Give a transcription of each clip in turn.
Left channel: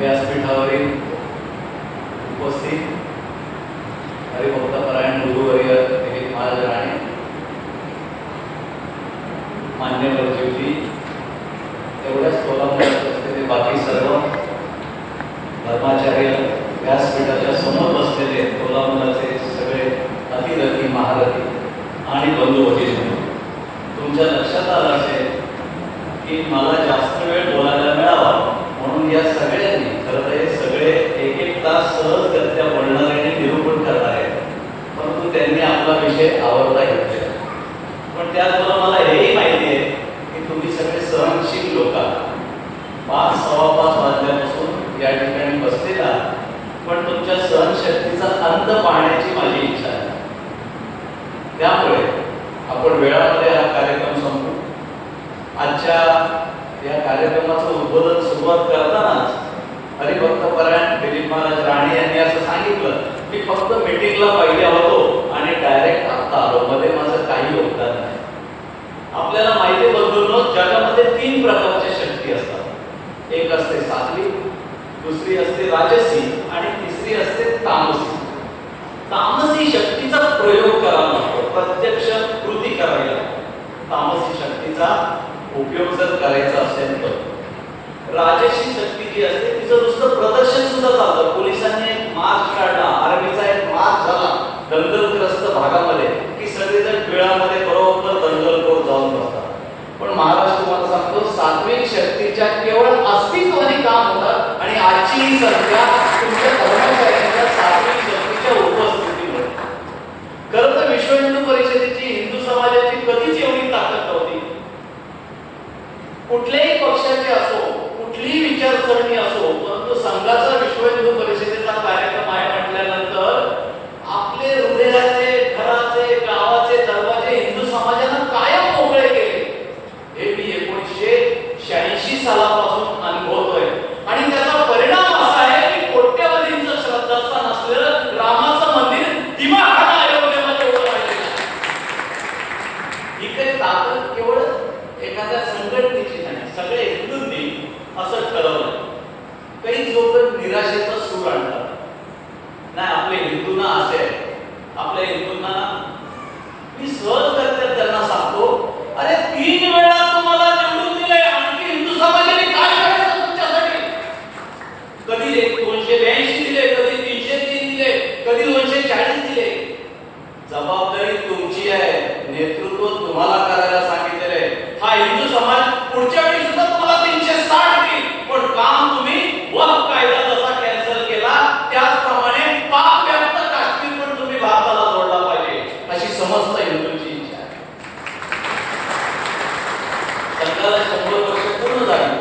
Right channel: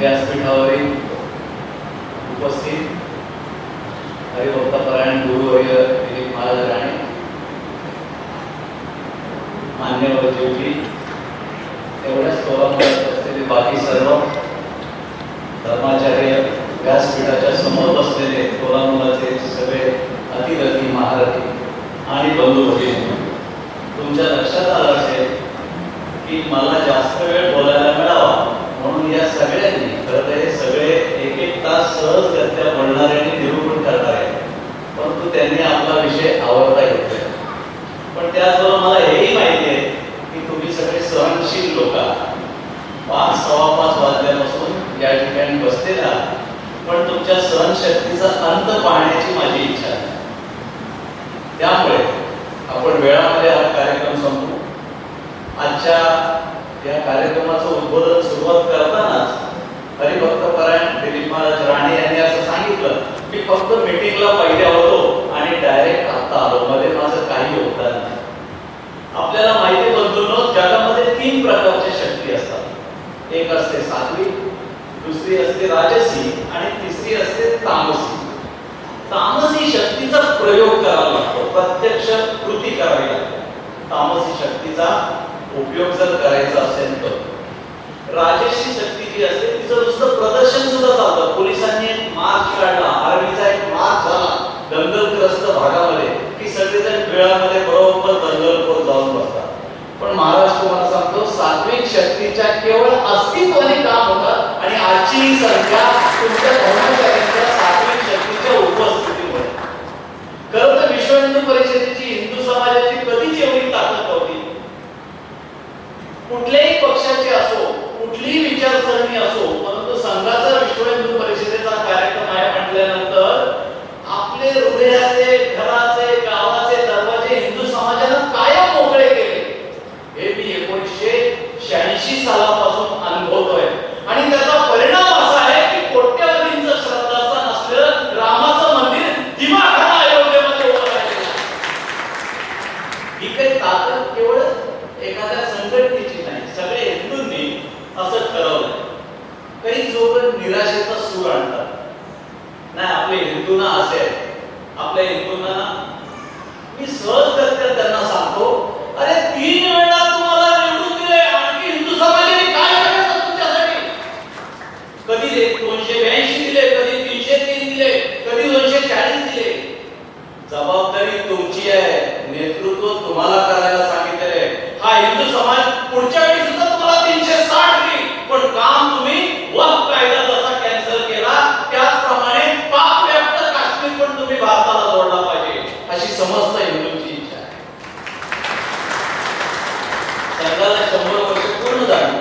व्यासपीठावरील उपस्थित हरिभक्तपरायण गुरुवर्य दिलीप महाराज राणे, मान्यवर जीवजी, एवढ्याच प्रोग्राम असलेले बाकी सर्व धर्माचार्य, व्यासपीठाच्या समोर बसलेले कोल्हापुराचे सगळे अतिरथी महारथी आणि बंधू भगिनी, तुमच्या लक्षात आलं असेल की मला जास्त वेळ बोलायला मिळावा म्हणून या सगळ्यांनी, खरं तर हे सगळे एक एक तास सहजगत्या बोलणारे आणि निरूपण करणारे, परंतु त्यांनी आपला विषय आवडता घेतला. पण त्याचबरोबर मला हेही माहिती आहे की तुम्ही सगळे सहनशील लोक आहात. 5:15 वाजल्यापासून या ठिकाणी बसलेला, पण तुमच्या सहनशक्तीचा अंत पाहण्याची माझी इच्छा आहे. त्यामुळे आपण वेळामध्ये हा कार्यक्रम संपवू. आजच्या या कार्यक्रमाचं उद्बोधन सुरुवात करतानाच हरिभक्तपरायण दिलीप महाराज राणे यांनी असं सांगितलं की फक्त मीटिंगला पाहिजे होतो आणि डायरेक्ट आता आलो, मध्ये माझं काही योगदान नाही. आपल्याला माहिती बंधूंनो, जगामध्ये 3 प्रकारच्या शक्ती असतात. एक असते सात्विक, दुसरी असते राजसी आणि तिसरी असते तामसी. तामसी शक्तीचा प्रयोग करावा लागतो, प्रत्यक्ष कृती करावी लागते. तामसी शक्तीचा उपयोग जर करायचा असेल तर राजसी शक्ती जी असते तिचं नुसतं प्रदर्शन सुद्धा चालतं. पोलिसांनी एक मार्च काढला, आर्मीचा एक मार्च झाला दंगलग्रस्त भागामध्ये की सगळेजण बिळामध्ये बरोबर दंगलखोर जाऊन बसतात. पण महाराष्ट्र तुम्हाला सांगतो, सात्विक शक्तीच्या केवळ अस्तित्वाने काम होतं आणि आजची ही संख्या तुमच्या धर्मचार्यांच्या सात्विक शक्तीच्या उपस्थितीमुळे. खरं तर विश्व हिंदू परिषदेची, हिंदू समाजाची कधीच एवढी ताकद नव्हती. कुठल्याही पक्षाचे असो, कुठलीही विचारसरणी असो, परंतु संघाचा विश्व हिंदू परिषदेचा कार्यक्रम आहे म्हटल्यानंतर आपले हृदयाचे, घराचे, गावाचे दरवाजे हिंदू समाजानं कायम मोकळे केले. हे मी 1986 सालापासून अनुभवतोय आणि त्याचा परिणाम असा आहे की कोट्यावधींचं श्रद्धास्थान असलेलं रामाचं मंदिर दिमाखाना अयोध्येमध्ये उभं राहिलेलं. ही काही ताकद केवळ एखाद्या संघटनेची नाही, सगळे हिंदूंनी असं ठरवलं. काही लोक निराशेचा सूर आणतात, नाही आपले हिंदूंना असे आहे, आपल्या हिंदूंना मी सहजगत्या त्यांना सांगतो, अरे 3 वेळा तुम्हाला निवडून दिले, आणखी हिंदू समाजाने काय करायचं तुमच्यासाठी? कधी 282 दिले, कधी 303 दिले, कधी 240 दिले. जबाबदारी तुमची आहे, नेतृत्व तुम्हाला करायला सांगितलेलं आहे. हा हिंदू समाज पुढच्या वेळी सुद्धा तुम्हाला 360 देईल, पण काम तुम्ही वक्फ कायदा जसा कॅन्सल केला त्याचप्रमाणे पाक व्याप्त काश्मीर पण तुम्ही भारताला जोडला पाहिजे, अशी समस्त हिंदूंची इच्छा आहे. संघाला 100 वर्ष पूर्ण झाली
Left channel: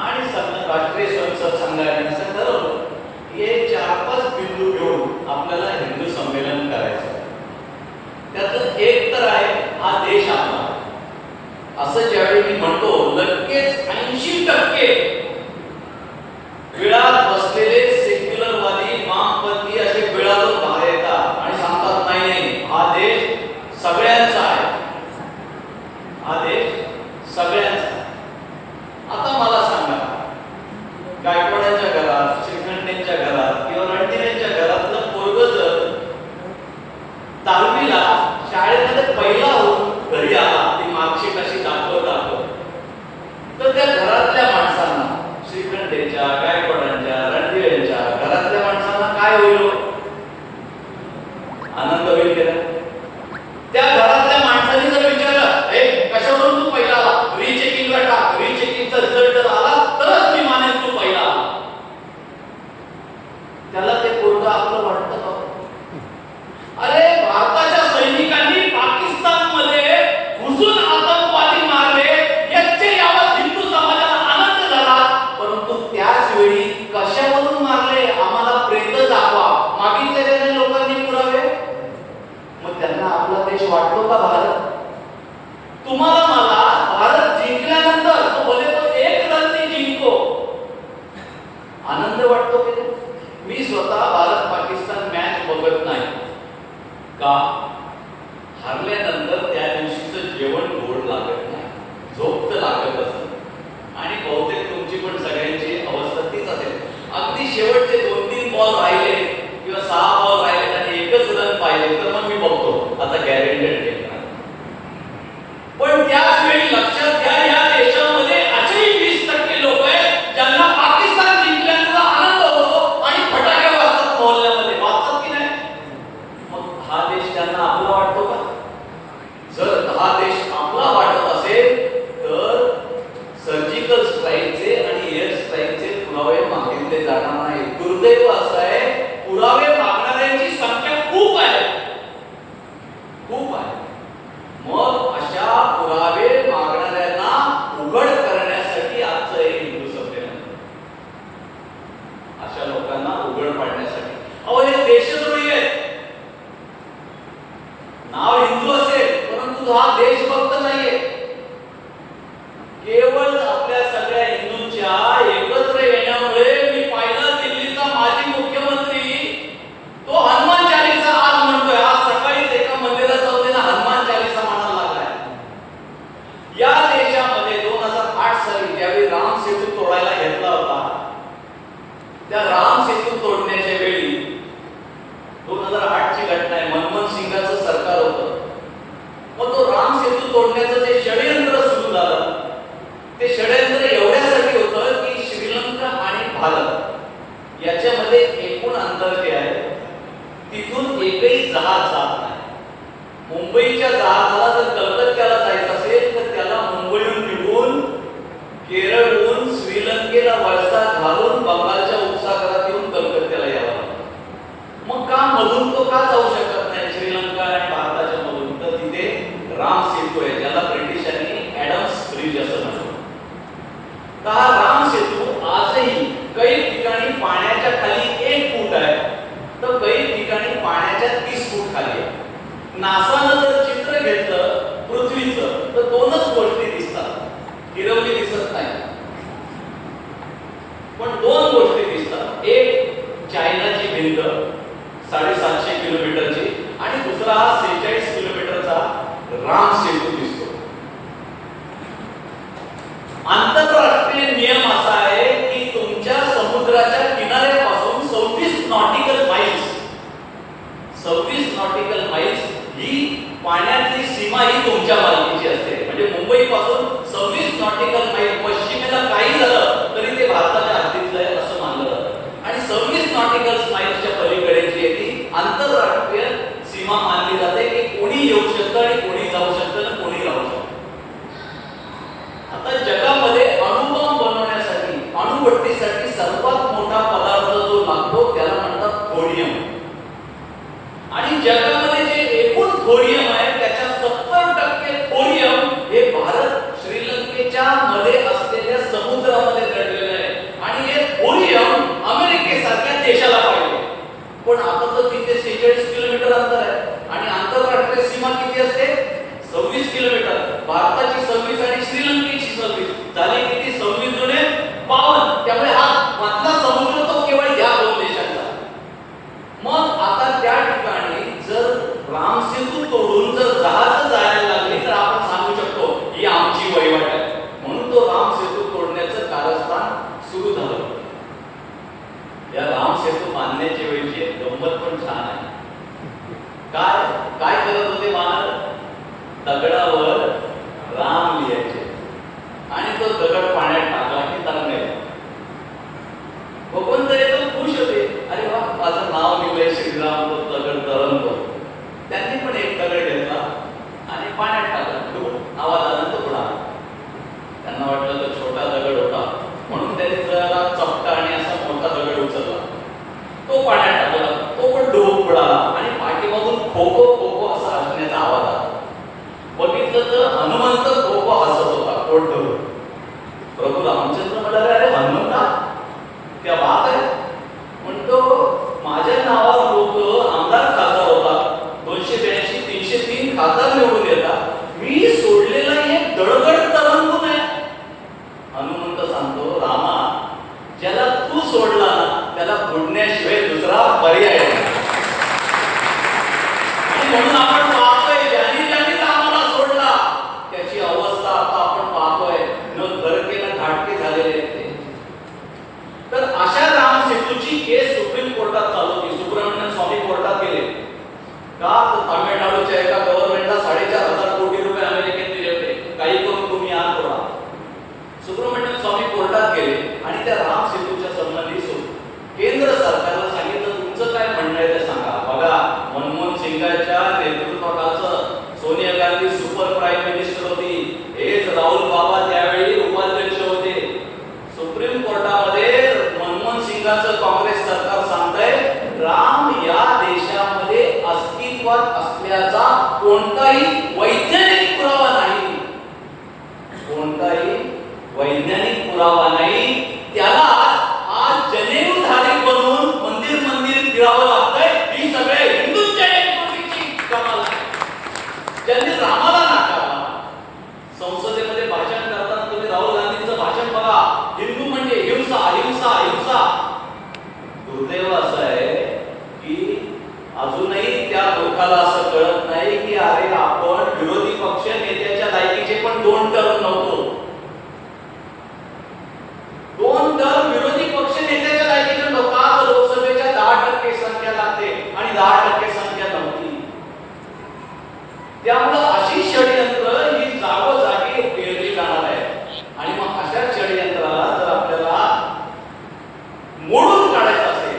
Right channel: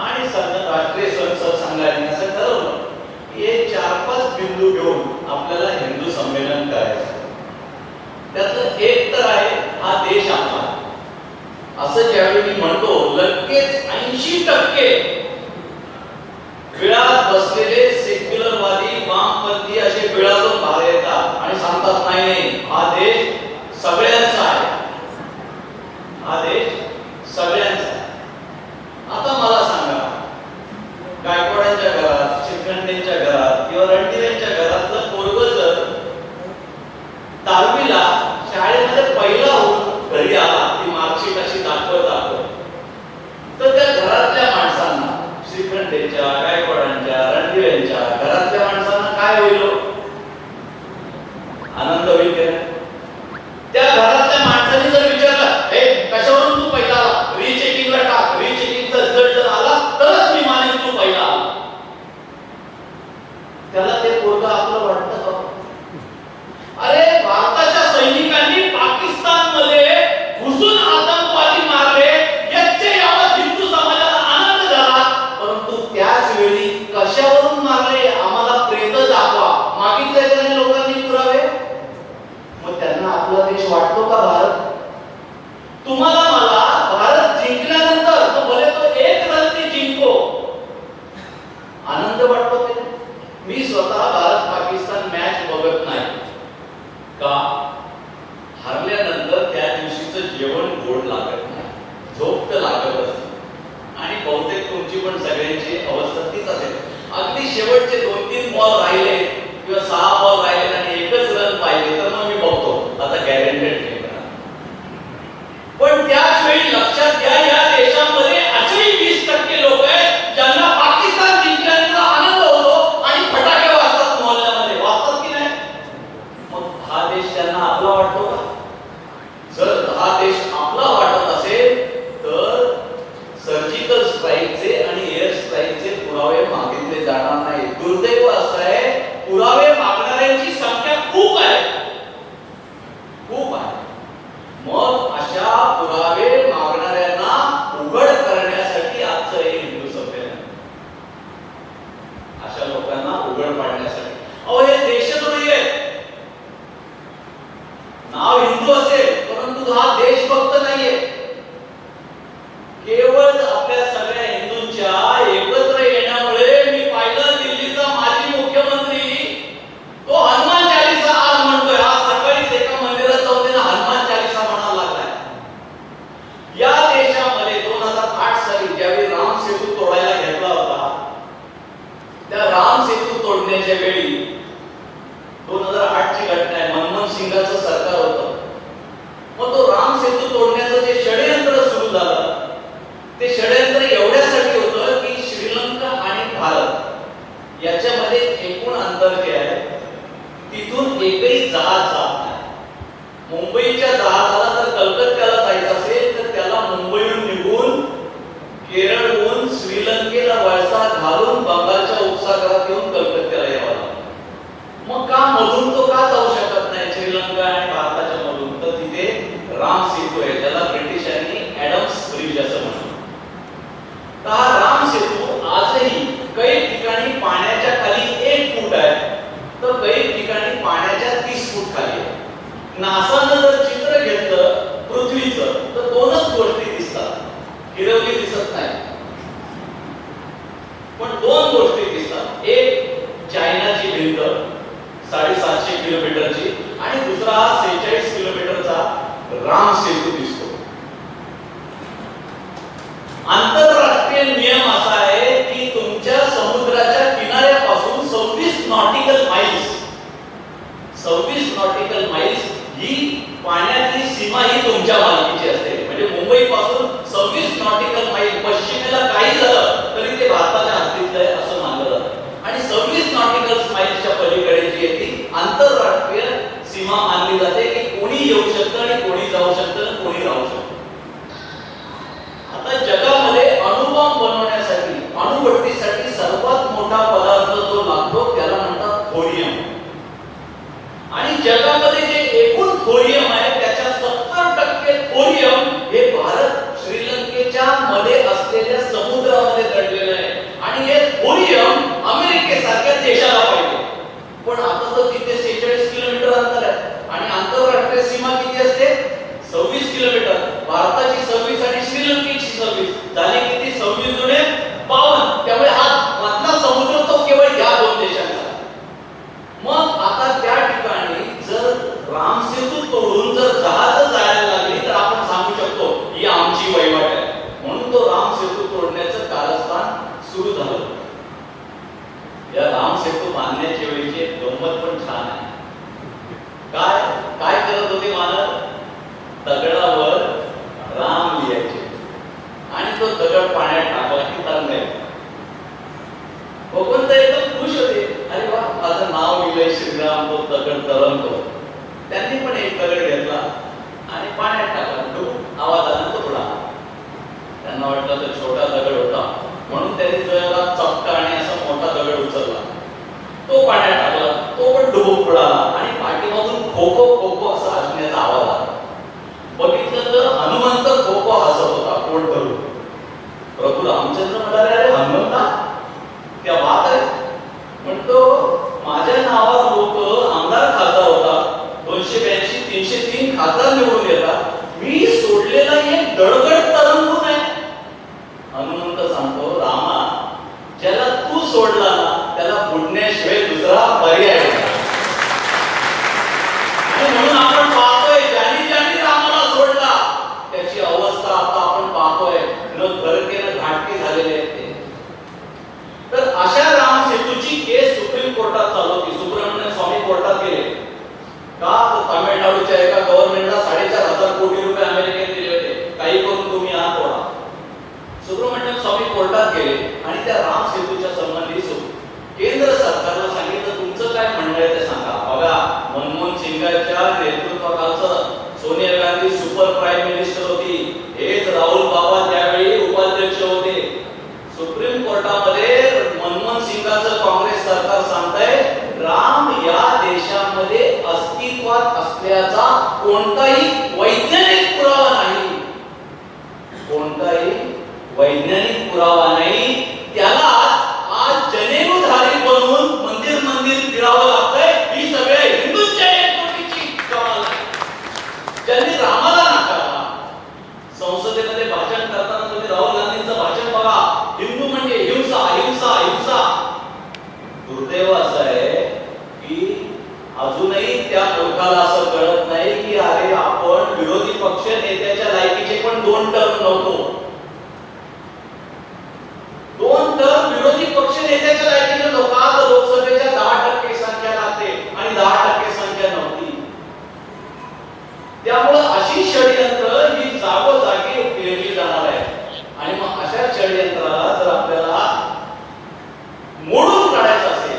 आणि संघ राष्ट्रीय संसद संघाने असं ठरवलं की हे 4-5 बिंदू घेऊन आपल्याला हिंदू संमेलन करायचं. त्यातलं एक तर आहे हा देश आपला. असं ज्यावेळी मी म्हणतो, लगेच 80% बिळात बसलेले सेक्युलरवादी, वामपंथी असे बिळातून बाहेर येतात आणि सांगतात नाही नाही, हा देश सगळ्यांचा आहे, हा देश सगळ्यांचा आहे. आता मला सांगा, गायकवाडांच्या घरात, श्रीखंडेंच्या घरात किंवा रणधीरेंच्या घरातलं पोरग जर 10वीला शाळेमध्ये पहिला होऊन घरी आला, ती मार्कशीट अशी दाखवत तर त्या घरातल्या माणसांना, श्रीखंडेंच्या, गायकवाडांच्या, रणधीरेंच्या घरातल्या माणसांना काय होईल? आनंद होईल की नाही? त्या घरातल्या माणसाने जर विचारलं, हे कशावरून तू पहिला आला, रिचेकिंगला टाक, रिचेकिंगचा रिझल्ट जर आला तरच मी मानेन तू पहिला आला. त्याला ते पोरगं आपलं वाटतं का? अरे भारताच्या सैनिकांनी पाकिस्तानमध्ये घुसून आतंकवादी मारले, याचे यावत हिंदू समाजाला आनंद झाला, परंतु त्याच वेळी कशावरून मारले आम्हाला प्रेत दाखवा, बॉल राहिले किंवा 6 बॉल राहिले आणि एकच रन पाहिजे तर मग मी बघतो आता गॅरंटेड खेळ. पण त्याच वेळी लक्षात घ्या या देशामध्ये असेही 20% लोक आहेत ज्यांना पाकिस्तान जिंकल्याचा आनंद होतो आणि फटाके वाजतात मोहल्ल्यामध्ये. वाजतात की नाही? मग हा देश त्यांना आपला वाटतो का? जर हा देश आपला वाटत असेल तर सर्जिकल स्ट्राईकचे आणि एअर स्ट्राईकचे पुरावे मागितले जाणार नाही. दुर्दैव असं आहे पुरावे मागणाऱ्यांची संख्या खूप आहे, खूप आहे. मग अशा पुरावे मागणाऱ्यांना उघड करण्यासाठी आजचं हे हिंदू संमेलन, अशा लोकांना उघड पाडण्यासाठी. अहो हे देशद्रोही आहे. नाव हिंदू असेल परंतु हा देशभक्त नाहीये. केवळ आपल्या सगळ्या हिंदूंच्या एकत्र येण्यामुळे मी पाहिलं दिल्लीचा माजी मुख्यमंत्री तो हनुमान चालीसा आज म्हणतोय. आज सकाळीच एका मंदिरात जाऊन त्याने हनुमान चालीसा म्हणायला लागलाय. या देशामध्ये 2008 साली ज्यावेळी राम सेतू तोडायला घेतला होता त्या राम सेतू तोडण्याच्या वेळी 2008 ची घटना आहे. मनमोहन सिंगाचं सरकार होतं. मग तो राम सेतू तोडण्याचं जे षडयंत्र सुरू झालं ते षडयंत्र एवढ्यासाठी होतं की श्रीलंका आणि भारत याच्यामध्ये एकूण अंतर जे आहे तिथून एकही जहाज जात नाही. मुंबईच्या जहाजाला जर कलकत्त्याला जायचं असेल तर त्याला मुंबईहून निघून केरळहून श्रीलंकेला वळसा घालून बंगालच्या उपसागरात येऊन कलकत्त्याला यावं लागतं. मग का मधून तो का जाऊ शकत नाही श्रीलंका आणि भारताच्या मधून? तर तिथे राम सेतू आहे ज्याला ब्रिटिशांनी ॲडम्स ब्रिज असं म्हणतात. तर हा राम सेतू आजही काही ठिकाणी पाण्याच्या खाली 1 फूट आहे तर काही ठिकाणी पाण्याच्या 30 फूट खाली आहे. नासानं जर चित्र घेतलं पृथ्वीचं तर 2च गोष्टी दिसतात, हिरवली दिसत नाही. पण 2 गोष्टी दिसतात. एक चायनाची भिंत 750 किलोमीटरची आणि दुसरा हा 46 किलोमीटरचा राम सेतू दिसतो. आंतरराष्ट्रीय नियम असा आहे की तुमच्या समुद्राच्या किनाऱ्यापासून 26 नॉटिकल माइल्स ही पाण्यातली सीमा ही तुमच्या मालकीची असते. म्हणजे मुंबई पासून 26 नॉटिकल माइल पश्चिमेला काही झालं तरी ते भारताच्या हद्दीतलं आहे असं मानलं जातं. आणि 26 नॉटिकल माइल्सच्या पलीकडे जी आहे ती आंतरराष्ट्रीय सीमा मानली जाते की कोणी येऊ शकतं आणि कोणी जाऊ शकतं आणि कोणी राहू शकतं. आता जगामध्ये अणुबॉम्ब बनवण्यासाठी अणुभट्टीसाठी सर्वात मोठा पदार्थ जो लागतो त्याला म्हणतात थोरियम. आणि जगामध्ये जे एकूण थोरियम आहे त्याच्या 70% थोरियम हे भारत श्रीलंकेच्या मध्ये असलेल्या समुद्रामध्ये दडलेलं आहे. आणि हे थोरियम अमेरिकेसारख्या देशाला पाहिजे. पण आता तर तिथे 46 किलोमीटर अंतर आहे आणि आंतरराष्ट्रीय सीमा किती असते? 26 किलोमीटर. भारताची 26 आणि श्रीलंकेची 26 झाली किती? 26 जुने 52. त्यामुळे हा मधला समुद्र तो केवळ या 2 देशांचा. मग आता त्या ठिकाणी जर राम सेतू तोडून जर जहाज जायला लागली तर आपण सांगू शकतो ही आमची वहिवाट आहे. म्हणून तो राम सेतू तोडण्याचं कारस्थान सुरू झालं. या राम सेतू बांधण्याच्या वेळीची एक गंमत पण छान आहे. काय काय करत होते मानव? दगडावर राम लिहायचे आणि तो दगड पाण्यात टाकला की तरंगाय. भगवंत एकदम खुश होते. अरे वा माझं नाव लिहिलंय श्रीराम, तो दगड तरंगतो. त्यांनी पण एक दगड घेतला आणि पाण्यात टाकला. आवाज आला तो पुढा. त्यांना वाटलं तो छोटा दगड होता म्हणून त्यांनी जरा चपटा आणि असा मोठा दगड उचलला. तो पाण्यात टाकला. तो पण डुबूक पडाला आणि पाठीमागून खो खो खो खो असा हसण्याचा आवाज आला. बघितलं तर हनुमंत खो खो हसत होता पोट धरून. प्रभू रामचंद्र म्हणाले अरे हनुमंता क्या बात आहे. म्हणतो माझ्या नावावर लोक आमदार खासदार होता 282 303 खासदार निवडून येतात. मी सोडलेला एक दडगड तरंगून आहे. हनुमंत सांगतो रामा ज्याला तू सोडला ना त्याला बुडण्याशिवाय दुसरा पर्याय नाही. आणि म्हणून आपण पाहतोय ज्यांनी ज्यांनी रामाला सोडला त्याची अवस्था आता आपण पाहतोय न घरके न घाटके झालेले आहेत. तर अशा राम सेतूची केस सुप्रीम कोर्टात आणि त्या राम सेतूच्या संबंधी केंद्र सरकारला सांगितलं तुमचं काय म्हणणं आहे ते सांगा. बघा, मनमोहन सिंगाच्या नेतृत्वाखालचं Sonia Gandhi super prime minister होती, हेच राहुल बाबा त्यावेळी उपाध्यक्ष होते. सुप्रीम कोर्टामध्ये मनमोहन सिंगाचं काँग्रेस सरकार सांगतंय राम या देशामध्ये अस्तित्वात असल्याचा कोणताही वैज्ञानिक पुरावा नाही, कोणताही वैज्ञानिक पुरावा नाही. त्याला आज जनेऊधारी बनवून मंदिर मंदिर फिरावं लागतंय. ही सगळ्या हिंदूंच्या एकजुटीची कमाल आहे. ज्यांनी रामाला नाकारला, संसदेमध्ये भाषण करताना तुम्ही राहुल गांधींचं भाषण बघा, हिंदू म्हणजे हिंसा हिंसा हिंसा. दुर्दैव असं आहे की अजूनही त्या मूर्खाला असं कळत नाही की अरे आपण विरोधी पक्ष नेत्याच्या लायकीचे पण 2 टर्म नव्हतो. 2 टर्म विरोधी पक्ष नेत्याच्या लायकीचे लोक. आज लोकसभेच्या 10% संख्या लागते आणि 10% संख्या नव्हती. त्यामुळे अशी षडयंत्र ही जागोजागी पेरली जाणार आहे. आणि मग अशा षडयंत्राला जर आपल्याला मोडून काढायचं असेल,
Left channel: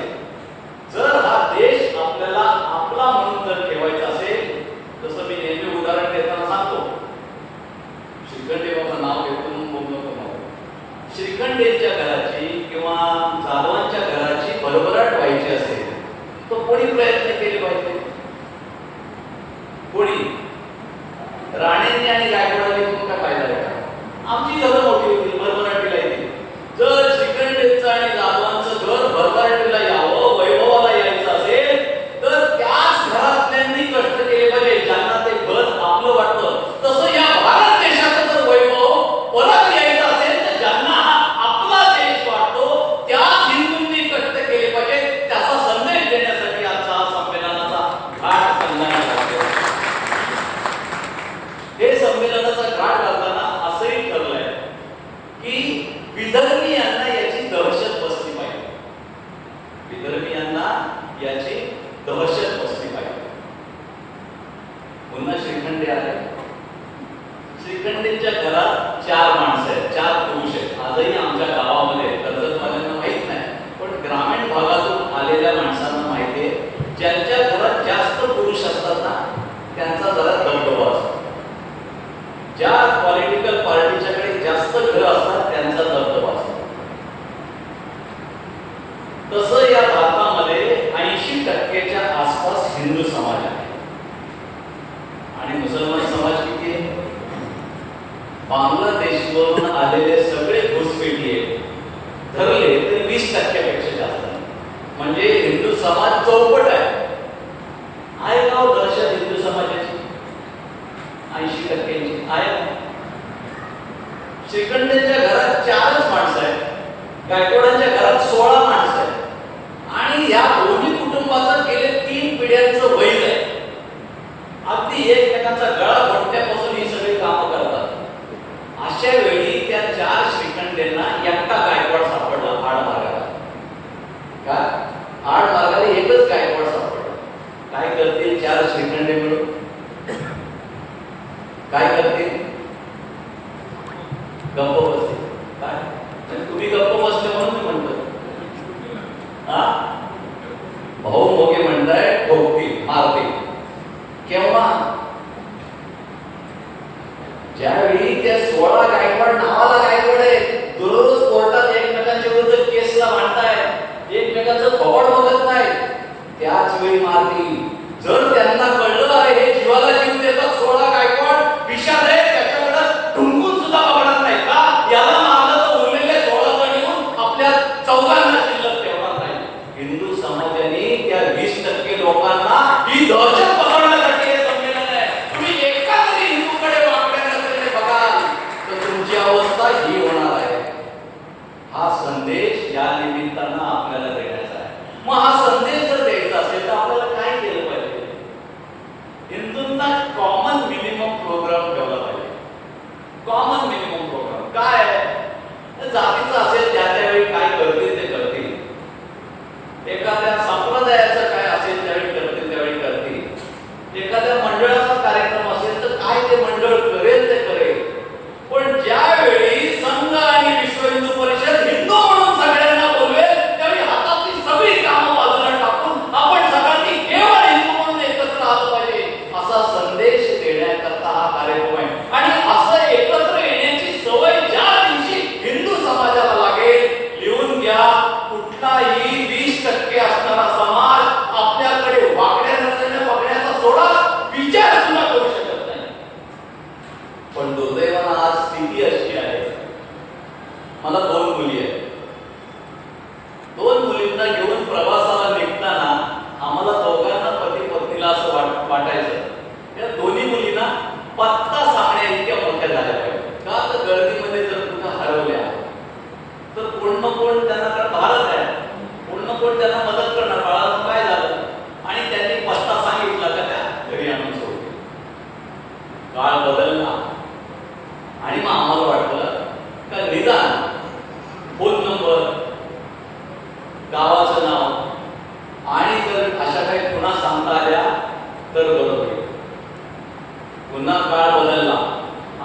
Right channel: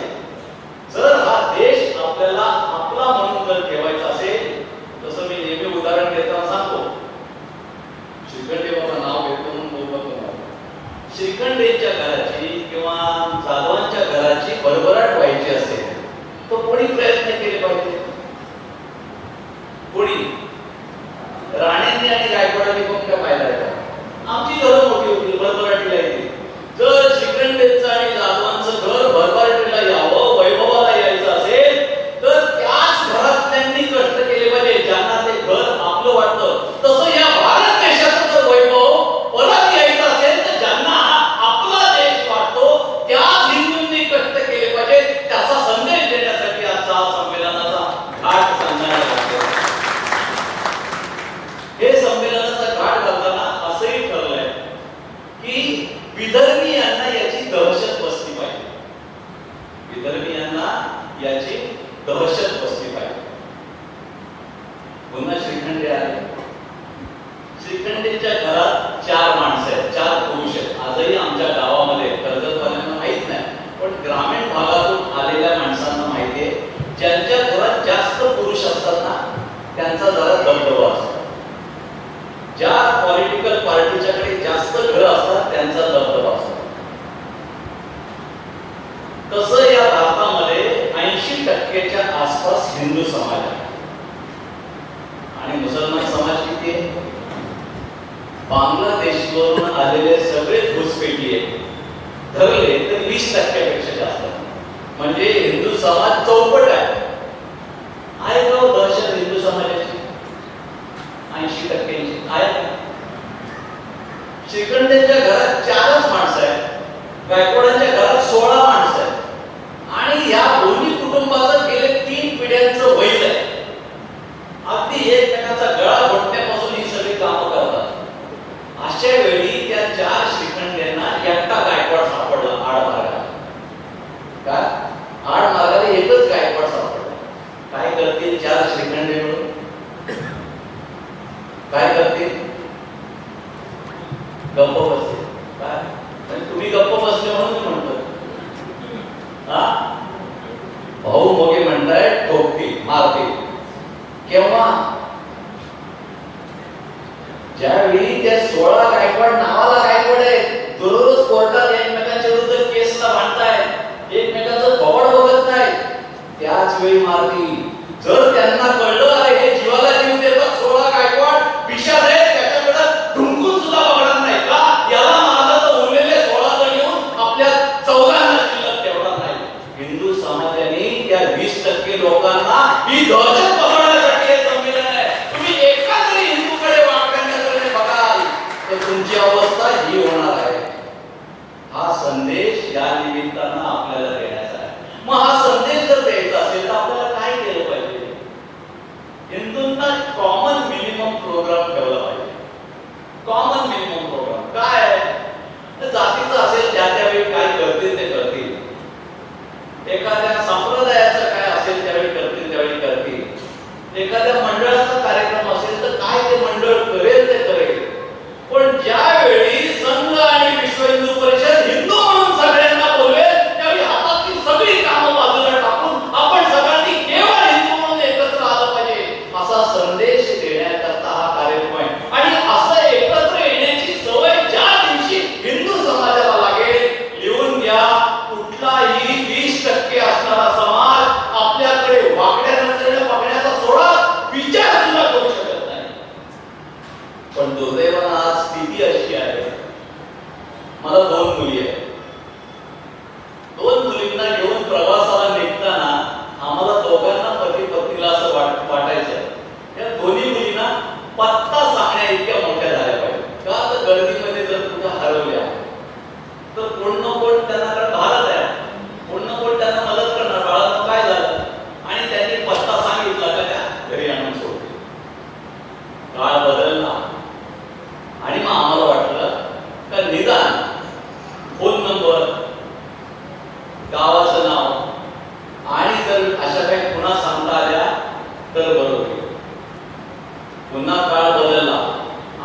जर हा देश आपल्याला आपला म्हणून जर ठेवायचा असेल, जसं मी नेहमी उदाहरण देताना सांगतो, श्रीखंडेबाचं नाव घेतो म्हणून बोलतो तुम्हाला. श्रीखंडेच्या घराची किंवा जाधवांच्या घराची भरभराट व्हायची असेल तर कोणी प्रयत्न केले पाहिजे? कोणी? राणेंनी आणि गायकवाडांनी पण काय पाहिलं आहे का? आमची घरं मोठी होती, भरभराटीला येते. जर श्रीखंडेचं आणि जाधवांचं घर भरभराटीला यावं, वैभवाला यायचं असेल तर त्याच घरातल्यांनी कष्ट केले पाहिजे ज्यांना ते घर आपलं वाटतं. तसं या भारत देशाचं जर वैभव परत यायचं असेल तर ज्यांना आपला देश वाटतो त्याच हिंदूंनी कष्ट केले पाहिजे. त्याचा संदेश देण्यासाठी आजचा संमेलनाचा घाट सांगण्यात आला. हे संमेलनाचा घाट घालताना असंही ठरलंय की विदर्भीयांना याची दहशत बसली पाहिजे. विदर्भीयांना याची दहशत बसली पाहिजे. पुन्हा श्रीखंडे आले. श्रीखंडेच्या घरात 4 माणसं आहेत, 4 पुरुष आहेत. आजही आमच्या गावामध्ये कर्जतवाल्यांना माहित नाही, पण ग्रामीण भागातून आलेल्या माणसांना माहिती आहे. ज्यांच्या घरात जास्त पुरुष असतात ना त्यांचा जरा दबदबा असतो. ज्या पॉलिटिकल पार्टीच्याकडे जास्त घरं असतात त्यांचा दबदबा असतो. तसं या भारतामध्ये 80% आसपास हिंदू समाज आहे आणि मुसलमान समाज किती आहे? बांगलादेशवरून आलेले सगळे घुसपेटी आहे, धरले तर 20% जास्त. म्हणजे हिंदू समाज चौपट आहे. का दहशत हिंदू समाजाची 80%ची आहे? श्रीखंडेच्या घरात 4च माणसं आहेत, गायकवाडांच्या घरात 16 माणसं आहेत आणि या दोन्ही कुटुंबाचं गेले 3 पिढ्यांचं वैर आहे. अगदी एकमेकांचा गळा घोटण्यापासून ही सगळी कामं करतात. अशा वेळी त्या 4 श्रीखंडेंना एकटा गायकवाड सापडला आड मार्गाला. काय आड मार्गाला एकच गायकवाड सापडला. काय करतील 4 श्रीखंडे मिळून? काय करतील? गप्प बसतील. काय तुम्ही गप्प बसले म्हणून दोन मुलींना घेऊन प्रवासाला निघताना आम्हाला दोघांना पती पत्नीला असं वाटायचं या दोन्ही मुलींना पत्ता सांगण्या इतक्या मोठ्या झाल्या पाहिजे. का तर गर्दीमध्ये जर कुठे हरवल्या तर कोण ना कोण त्यांना भारत आहे, कोण ना कोण त्यांना मदत करणार. बाळाला काय झालं आणि त्यांनी पत्ता सांगितला का त्या घरी आणून सोडते. काळ बदलला आणि मग आम्हाला वाटलं का निदान फोन नंबर, गावाचं नाव आणि जर अशा काही पुन्हा सांगता आल्या तर बरं होईल. पुन्हा काळ बदलला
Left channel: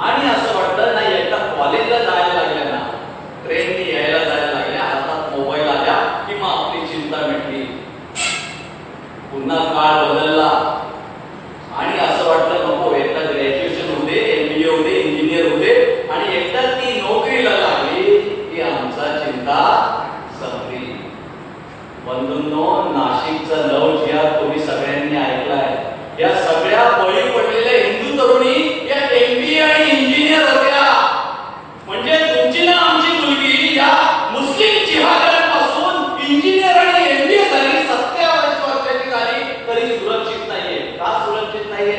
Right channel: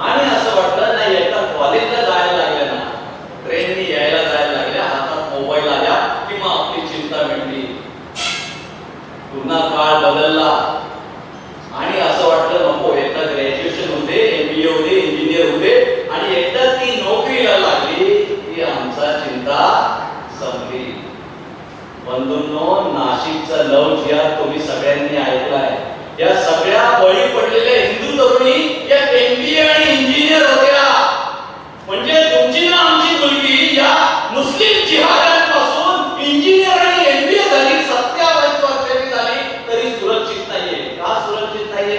आणि असं वाटलं नाही एकदा कॉलेजला जायला लागल्या ना, ट्रेननी यायला जायला लागल्या, हातात मोबाईल आल्या की मग आपली चिंता मिटली. पुन्हा काळ बदलला आणि असं वाटलं नको एकदा ग्रॅज्युएशन होते, MBA होते, इंजिनियर होते आणि एकदा ती नोकरीला लागली की आमचा चिंता संपली. बंधूंनो, नाशिकचा लव जिहाद तुम्ही सगळ्यांनी ऐकलाय. या सगळ्या बळी पडलेल्या हिंदू तरुणी या MBA आणि इंजिनियर होत्या. म्हणजे तुमची ना आमची मुलगी या मुस्लिम जिहाद्यांपासून इंजिनियर आणि MBA झाली, 27 वर्षाची झाली तरी सुरक्षित नाहीये. का सुरक्षित नाहीये?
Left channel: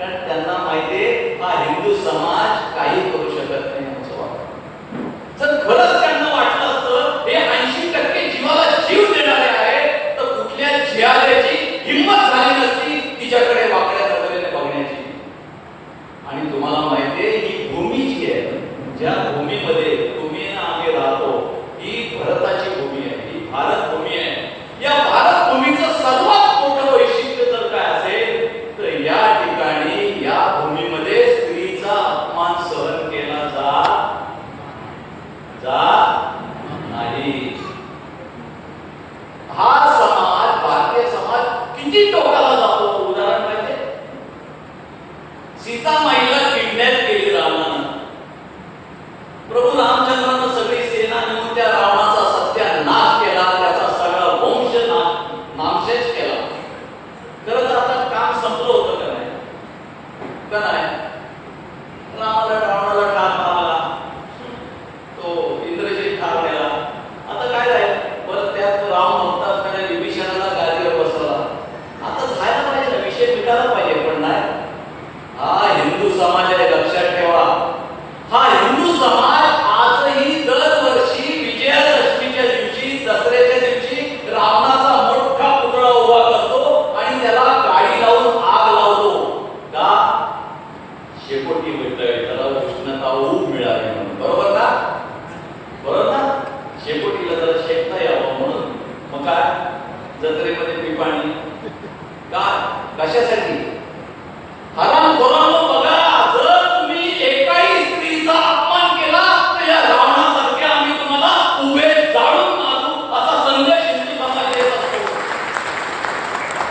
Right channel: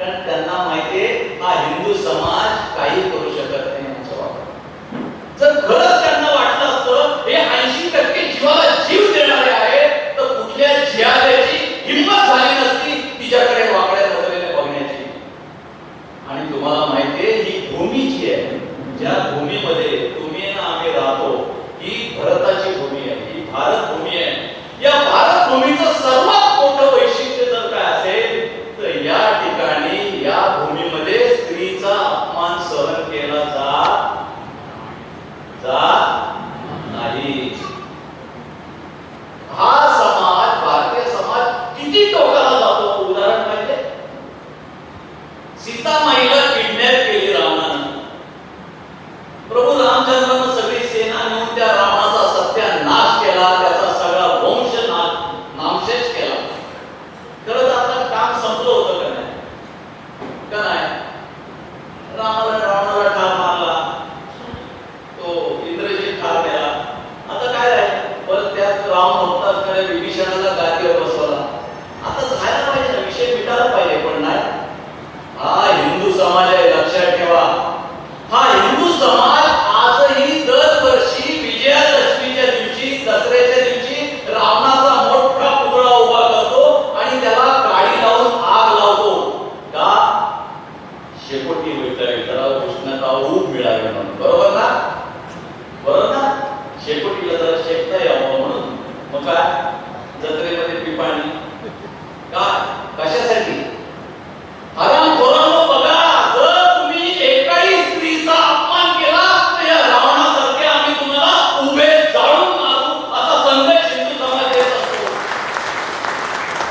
कारण त्यांना माहितीये हा हिंदू समाज काही करू शकत नाही असं वाटतं. जर खरंच त्यांना वाटलं असतं हे 80% जीवाला जीव देणारे आहे तर कुठल्या जिहाद्याची हिंमत झाली नसती तिच्याकडे वाकड्या नजरेने बघण्याची. आणि तुम्हाला माहितीये ही भूमी जी आहे, ज्या भूमीमध्ये तुम्ही ना आम्ही राहतो ही भारताची भूमी आहे, ही भारत भूमी आहे. या भारत भूमीचं सर्वात मोठं वैशिष्ट्य जर काय असेल तर या ठिकाणी या भूमीमध्ये स्त्रीचा अपमान सहन केला जात नाही. हा समाज, भारतीय समाज किती टोकाला जातो. उदाहरण पाहिजे, सीतामाईला किडनॅप केली रावणानं. प्रभू रामचंद्रानं सगळी सेना नेऊन त्या रावणाचा सत्यानाश केला, त्याचा सगळा वंश नामशेष केला. खरं तर आता काम संपलं होतं का नाही? का नाही? रावणाला ठार मारला, तो इंद्रजित ठार केला. आता काय आहे परत त्यात राम भक्तात त्याने विभीषणाला गादीवर बसवला. आता झाला पाहिजे ना, विषय मिटायला पाहिजे. पण नाही, हा हिंदू समाज आहे लक्षात ठेवा. हा हिंदू समाज आजही दरवर्षी विजयादशमीच्या दिवशी, दसऱ्याच्या दिवशी रावणाचा मोठा पुतळा उभा करतो आणि त्याला गाडी लावून आग लावतो. का? शेकोटी मिळतंय तर उष्णता ऊब मिळावी म्हणून. बरोबर ना? बरोबर ना? शेकोटीला जरा शेकता यावं म्हणून. मग काय जत्रेमध्ये पिपाणी का कशासाठी? हरामखोरांनो बघा, जर तुम्ही एकाही स्त्रीचा अपमान केला तर या रावणासारखे आम्ही तुम्हाला उभे जाळून मारू असा संदेश हिंदू समाज देत असतो.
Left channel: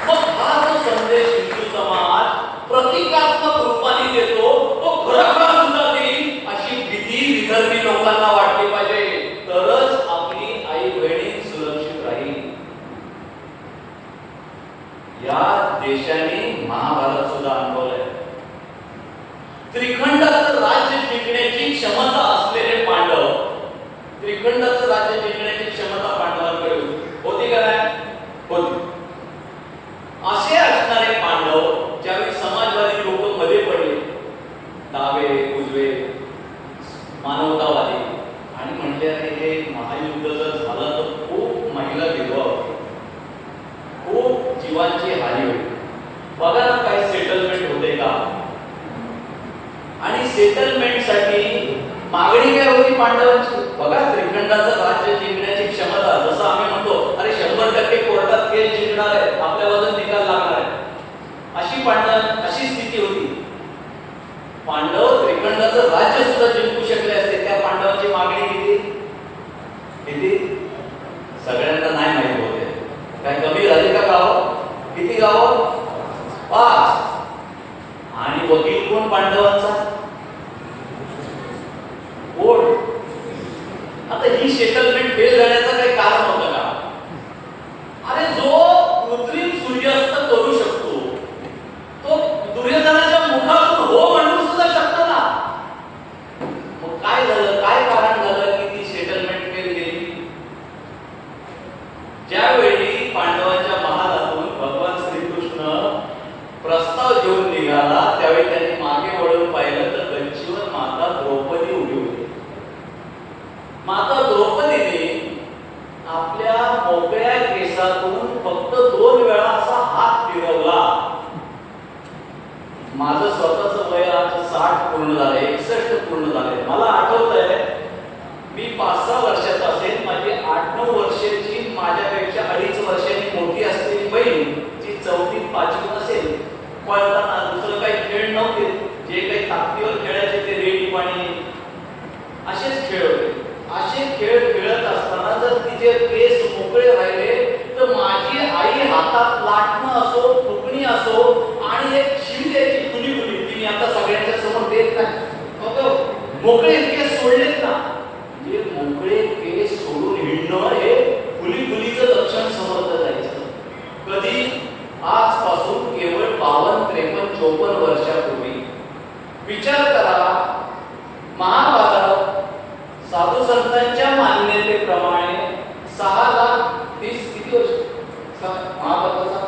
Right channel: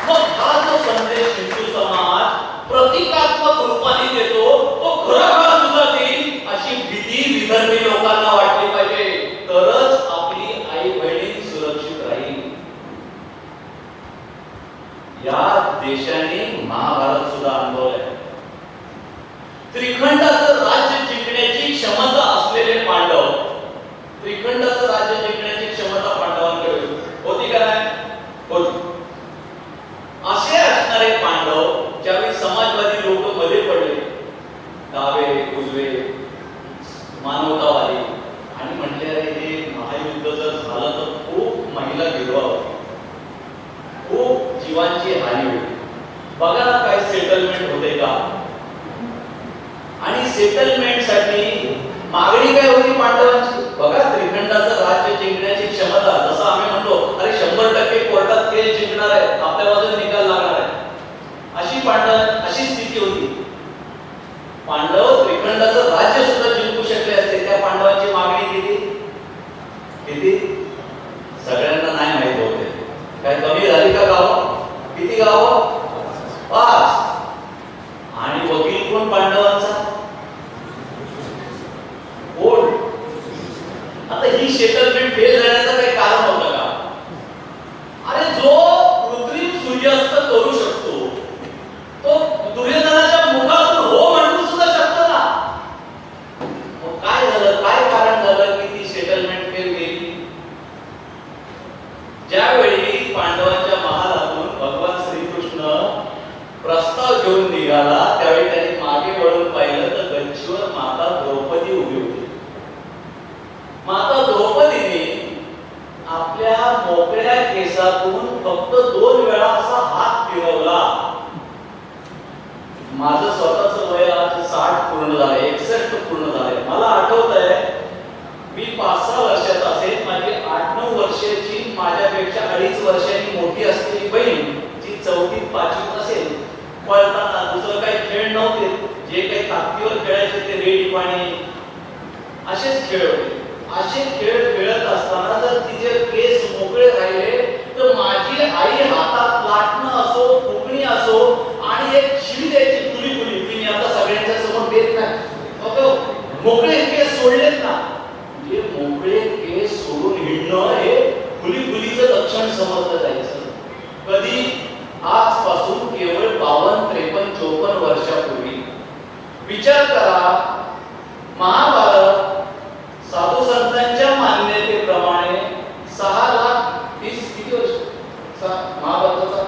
मग हा जो संदेश हिंदू समाज प्रतिकात्मक रूपाने देतो तो खरोखर सुद्धा देईल अशी भीती विदर्भी लोकांना वाटली पाहिजे. तरच आपली आई बहिणी सुरक्षित राहील. या देशाने महाभारत सुद्धा अनुभवलंय. त्रिखंडाचं राज्य जिंकण्याची क्षमता असलेले पांडव, त्रिखंडाचं राज्य जिंकण्याची क्षमता पांडवांकडे होती का नाही? होती. असे असणारे पांडव ज्यावेळी समाजवादी लोक मध्ये पडले, डावे उजवे मानवतावादी, आणि म्हटले अरे हे महायुद्ध जर झालं तर खूप महिला विधवा होतील, खूप जीवांची हानी होईल. बघा ना काही सेटलमेंट होते का? आणि सेटलमेंट साठी मागणी काय होती पांडवांची? बघा, त्रिखंडाचं राज्य जिंकण्याची क्षमता, जसं आम्ही म्हणतो अरे 100% कोर्टात केस जिंकणार आहे, आपल्या बाजूने निकाल लागणार आहे, अशी स्थिती होती. पांडव त्रिखंडाचं राज्य सुद्धा जिंकू शकले असते. त्या पांडवांची मागणी किती किती सगळ्यांना नाही माहित होते. काय कमी झाली का गाव? किती गाव? 5. आणि वकील कोण पांडवांचा? कोण? आता ही सेटलमेंट फेल झाण्याचं काही कारण होतं का? अरे जो कृत्रिम सूर्यास्त करू शकतो तो दुर्योधनाच्या मुखातून हो म्हणून सुद्धा शकतो ना. मग काय झालं? काय कारण झालं की ती सेटलमेंट फेल गेली? ज्यावेळी पांडवांच्या महालातून भगवान श्रीकृष्ण प्रस्ताव घेऊन निघाला त्यावेळी त्यांनी मागे वळून पाहिलं तर गच्चीवर माता द्रौपदी उभी होती. माता द्रौपदीने आपल्या मोकळ्या केसातून फक्त 2 वेळा असा हात फिरवला. माझं स्वतःच वय आज 60 पूर्ण झालंय, 61 पूर्ण झालंय. मला आठवतंय मी 5-6 वर्षाचा असेल, माझी 8-9 वर्षाची माझ्यापेक्षा 2.5 वर्षांनी मोठी असलेली बहीण जी 4थीत 5वीत असेल, पळताना दुसरं काही खेळ नव्हते, जे काही ताकदीवर खेळायचे ते रेडी पाणी असेच खेळ होते. असे खेळ खेळत असताना जर तिचे केस मोकळे राहिले तर माझी आई हातात लाटणं असो, फुकणी असो आणि एक शिवी द्यायची फुली फुली. तिने आता सगळ्यांच्या समोर देत नाही, मोकळे केस सोडलेत ना. म्हणजे मोकळे केस सोडून हिंडणं हे फुली फुलीचं लक्षण समजलं जायचं. कधी? आजपासून केवळ 52, 53, 54 वर्षापूर्वी. विचार करा, महाभारत साधू संतांच्या मान्यतेप्रमाणे 6,30,000 किती वर्ष महाभारताचा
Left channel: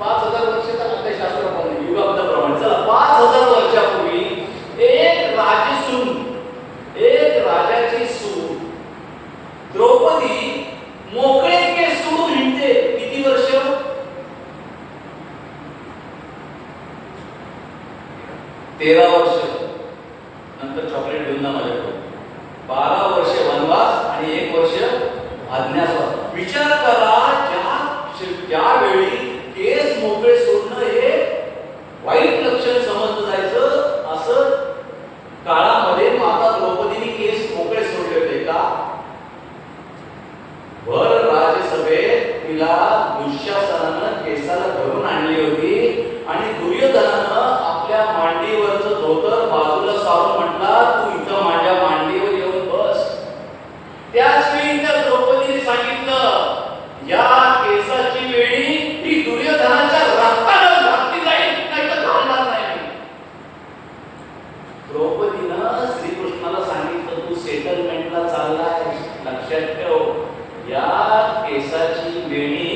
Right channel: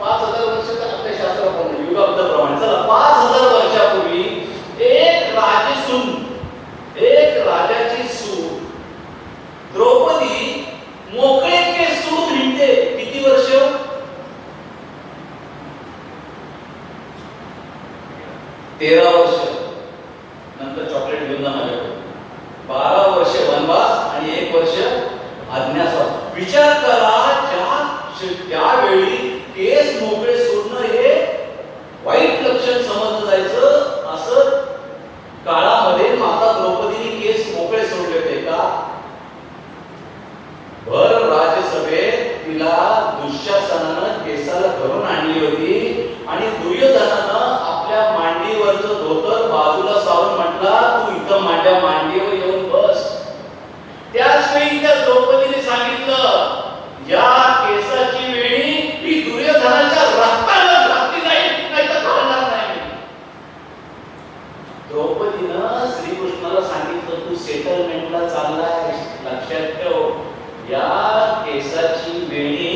5,000 वर्षाचा आपल्या शास्त्राप्रमाणे युगाबद्दलप्रमाणे चला 5,000 वर्षापूर्वी एक राजसून, एक राजाची सून द्रौपदी मोकळे केस सोडून हिंडते. किती वर्ष? 13 वर्ष. नंतर चॉकलेट घेऊन जा माझ्याकडे. 12 वर्ष वनवास आणि 1 वर्ष अज्ञातवास. विचार करा, ज्यावेळी केस मोकळे सोडणं हे वाईट लक्षण समजलं जायचं, असं काळामध्ये माता द्रौपदीने केस मोकळे सोडले होते का? भर राज्यसभेत तिला दुःशासनानं केसाला धरून आणली होती आणि दुर्योधनानं आपल्या मांडीवरचं धोतर बाजूला सारून म्हटला, तू इथं माझ्या मांडीवर येऊन बस. त्याच वेळी त्या द्रौपदीने सांगितलं, या केसाची वेळी ही दुर्योधनाच्या रक्तानं घातली जाईल, नाही तर घालणार नाही. द्रौपदीनं श्रीकृष्णाला सांगितलं, तू सेटलमेंटला चाललाय, लक्षात ठेव. या केसाची वेणी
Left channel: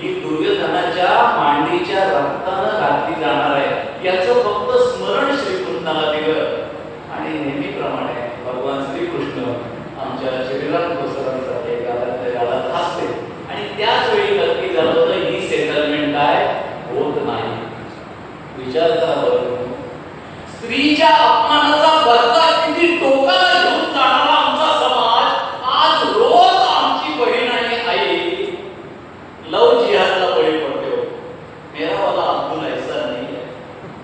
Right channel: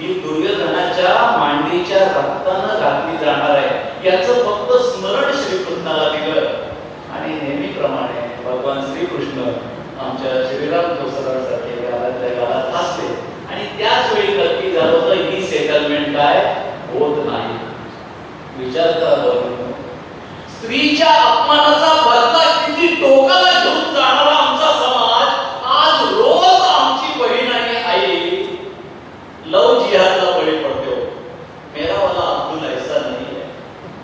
ही दुर्योधनाच्या मांडीच्या रक्तानं घातली जाणार आहे, याचं फक्त स्मरण श्रीकृष्णाला दिलं. आणि नेहमीप्रमाणे भगवान श्रीकृष्ण आमच्या श्रीराम दोसरांसाठी गालातल्या गालात हसते. आणि त्याच वेळी नक्की झालं होतं, ही सेटलमेंट काय होत नाही. विचार करा बरं, स्त्रीच्या अपमानाचा बदला किती टोकाला घेऊन जाणारा आमचा समाज आज रोज आमची बहीण आणि आई लव जिहादला बळी पडते. मेरा वाला अब्दुल ऐसा नाही है.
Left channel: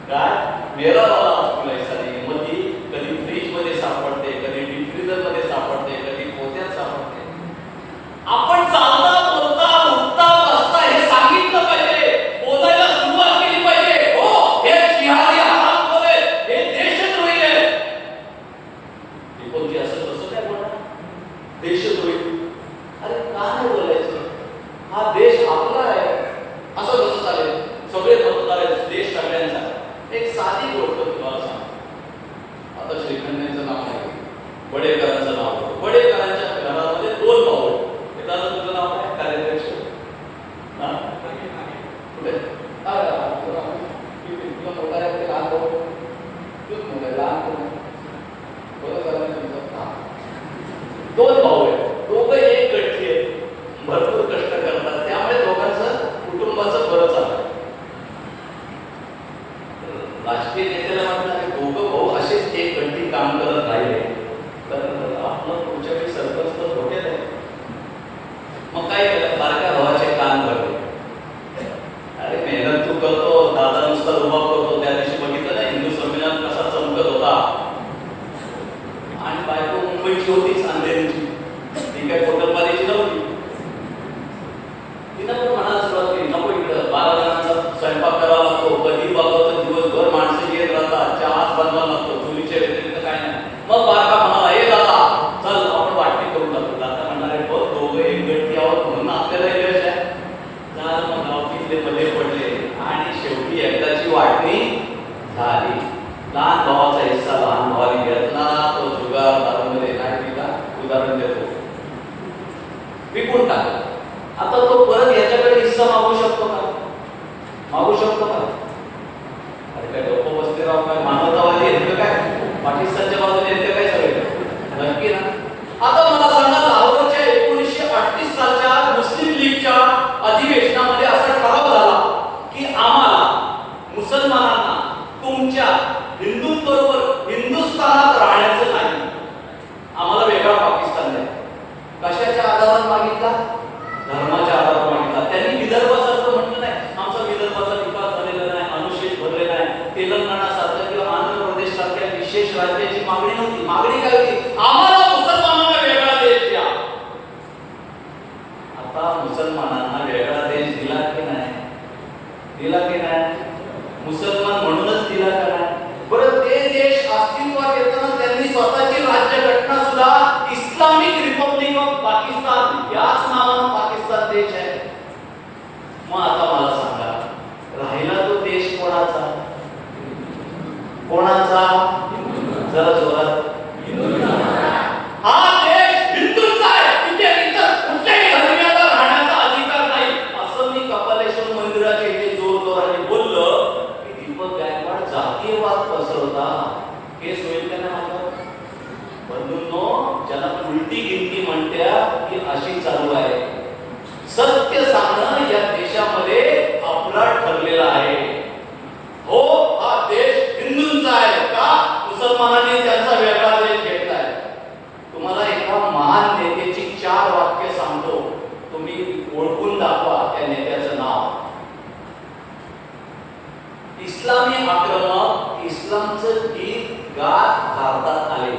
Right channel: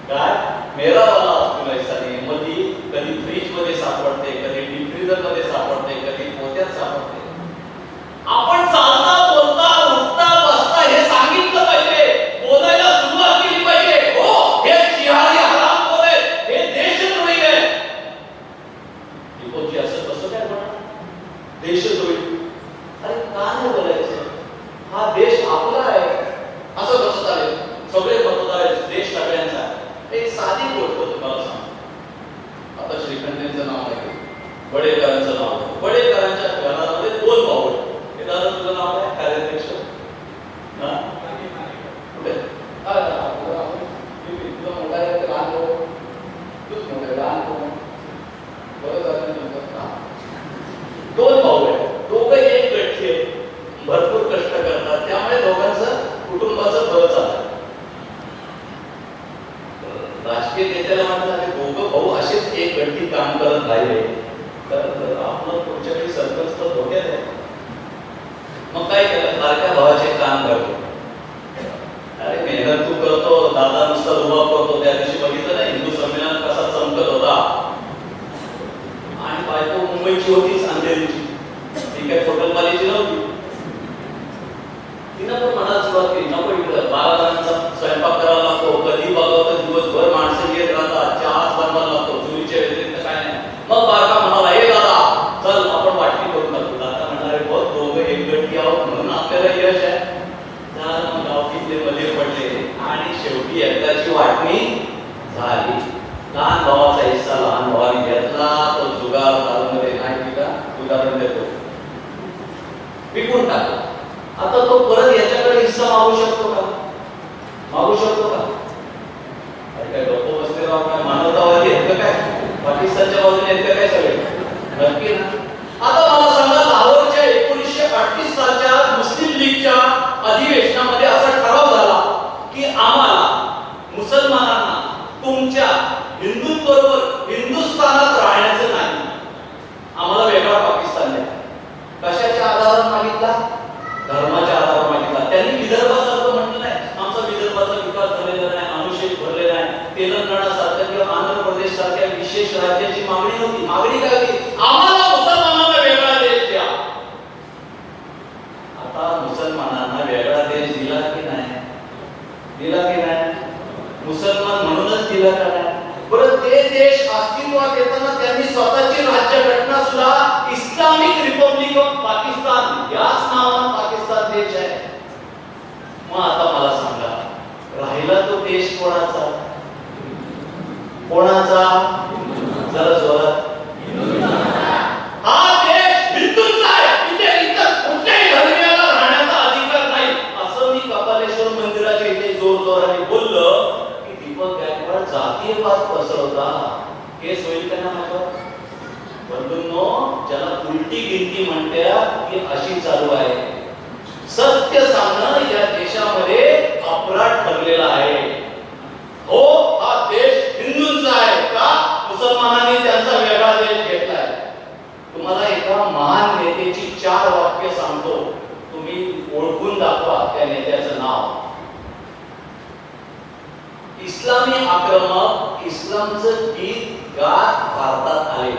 काय? मेरा वाला अब्दुल ऐसा नाही. मग ती कधी फ्रीज मध्ये सापडते, कधी डीप फ्रीजर मध्ये सापडते, कधी पोत्यात सापडते. आपण चालता बोलता उठता बसता हे सांगितलं पाहिजे, बोलायला सुरुवात केली पाहिजे. हो, हे जिहादी हरामखोर आहेत, हे देशद्रोही आहेत. असं कसं काय म्हणा देशद्रोही? अरे का नाही बोलायचं? हा देश आपला आहे. असं कसं चालेल? सगळे मतदार आहेत, देश सगळ्यांचा. एक साधी गोष्ट तुम्हाला सांगतो. आता श्रीखंडेंचं नाव आहे, बडेकरांचं नाव आहे. बडेकरांच्या घरामध्ये 2 भाऊ. दादा तुझं नाव काय? कार्याध्यक्ष ना कुठे? तुझा मोठा आहे की लहान भाऊ? तूच मोठा आहे, लहान भाऊ. बरं झालं. 2 भाऊ आहेत. विकून टाकला. आता तो परत याच्याकडे हिस्सा मागू शकतो का? मागू शकतो का? अरे काय लोक बसले राव, काय मानवतावादी आहेत का? काय पाकिस्तानच्या बाजूने आहेत का काय सगळे? नक्की ना. आता मला सांगा, लाहोरच्या 1938 सालच्या मुस्लिम लीगच्या अधिवेशनामध्ये असा ठराव झाला की आम्हाला मुसलमानांना तुमच्या हिंदूंबरोबर हिंदुस्थानात राहण्याचं नाही, आम्हाला वेगळा पाकिस्तान द्या. कशाच्या आधारावर मागितला? धर्माच्या आधारावर मागितला. त्यांनी विदर्भासारखं म्हटलं नाही, आमचा विदर्भाचा विकास झालेला नाही, अनुशेष भरलेला आहे. तेलंगणासारखं किंवा आंध्र प्रदेश सारख्या विशेष राज्याची मागणी होती. मागणी काय होती? आम्हाला मुसलमानांना वेगळा देश द्या. आता मुसलमानांना वेगळा देश दिला की नाही? दिला की नाही? मुसलमान म्हणूनच दिला का नाही? बरं, ते देश अस्तित्वात येताना त्यांनी स्वतःची राज्यघटना सुद्धा इस्लामिक रिपब्लिक ऑफ पाकिस्तान याच नावानं पाकिस्तान देश आहे. मग आता मला सांगा, राहिला तो देश कोणाचा? कोणाचा? जरा जोरात. हा देश हिंदूंचा आहे. इथे कुठल्याही धर्मियाला राहण्याचा अधिकार नाही, असं मी कपालेश्वर मंदिराच्या इथे जोरजोराने बोललो की दीपक गायकवाड जातीयवाद पसरवता. केस होईल का ना माझ्यावर? बंधूंनो, ज्याला उलटी गिनती म्हणत्या ती अशी चालू आहे. सत्य सांगणं या देशामध्ये अपराध ठरलेला आहे. हो, हा देश हिंदूंचा आहे का? मुसलमानांनी त्यांचा वेगळा देश घेतलाय. तुम्हाला एका महान नेत्याची 4 वाक्य सांगतो, तुम्ही ओळखून दाखवा त्या नेत्याचं नाव. इस्लामी आक्रमक इस्लामचं गीत गात भारतात आले.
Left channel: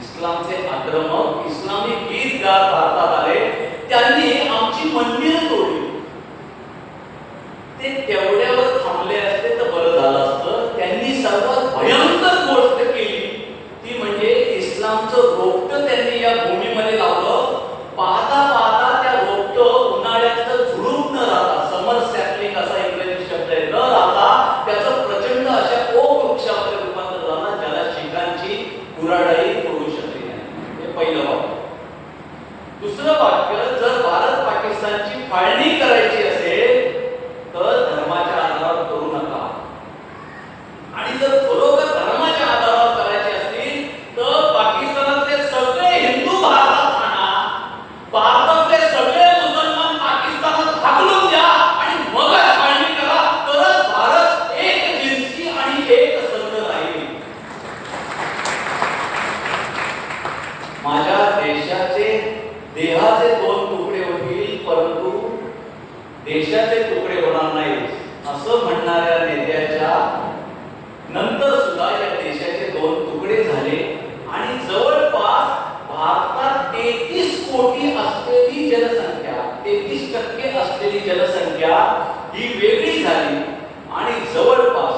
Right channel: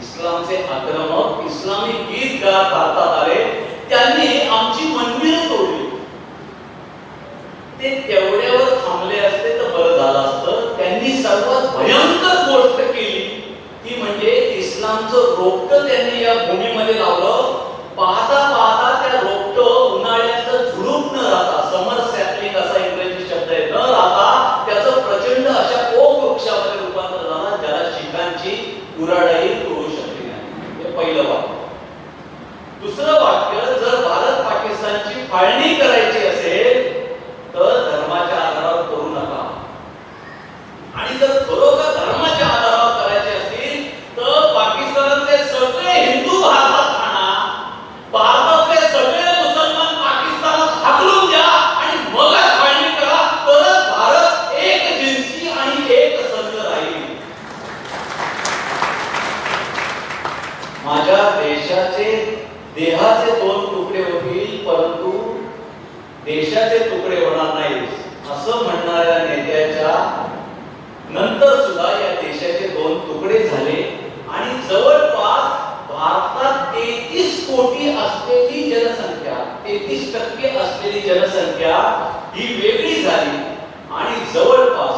इस्लामचे आक्रमक इस्लामी गीत गात भारतात आले. त्यांनी आमची मंदिरं तोडली. ते तेवढ्यावर थांबले असते तर बरं झालं असतं. त्यांनी सर्वात भयंकर गोष्ट केली ती म्हणजे इस्लामचं रोपटं त्यांनी या भूमीमध्ये लावलं. पाहता पाहता त्या रोपटं उन्हाळ्याचं झुडूप न राहता, समर सॅपलिंग असा इंग्रजी शब्द आहे, न राहता त्याचं प्रचंड अशा ओक वृक्षामध्ये रूपांतर झाला, ज्याला शिखांची कुऱ्हाडही तोडू शकली नाही. हे पहिलं वाक्य. दुसरं वाक्य, जर भारत पाकिस्तानची फाळणी करायची असेल तर धर्माच्या आधारावर करू नका. आणि जर खरोखर धर्माच्या आधारावर करायचे असतील तर पाकिस्तानातले सगळे हिंदू भारतात आणा, भारतातले सगळे मुसलमान पाकिस्तानात हाकलून द्या आणि मगच फाळणी करा. तरच भारत एक जिन्सी आणि एक संघ राहील. माझ्या देशाचे देहाचे 2 तुकडे होतील, परंतु देशाचे तुकडे होणार नाहीत असं म्हणणाऱ्या नेत्याच्या नंतर सुद्धा या देशाचे 2 तुकडे झाले आणि जवळपास भारतात 33 कोटी असलेली जनसंख्या, 33% असलेली जनसंख्या ही वेगळी झाली आणि जवळपास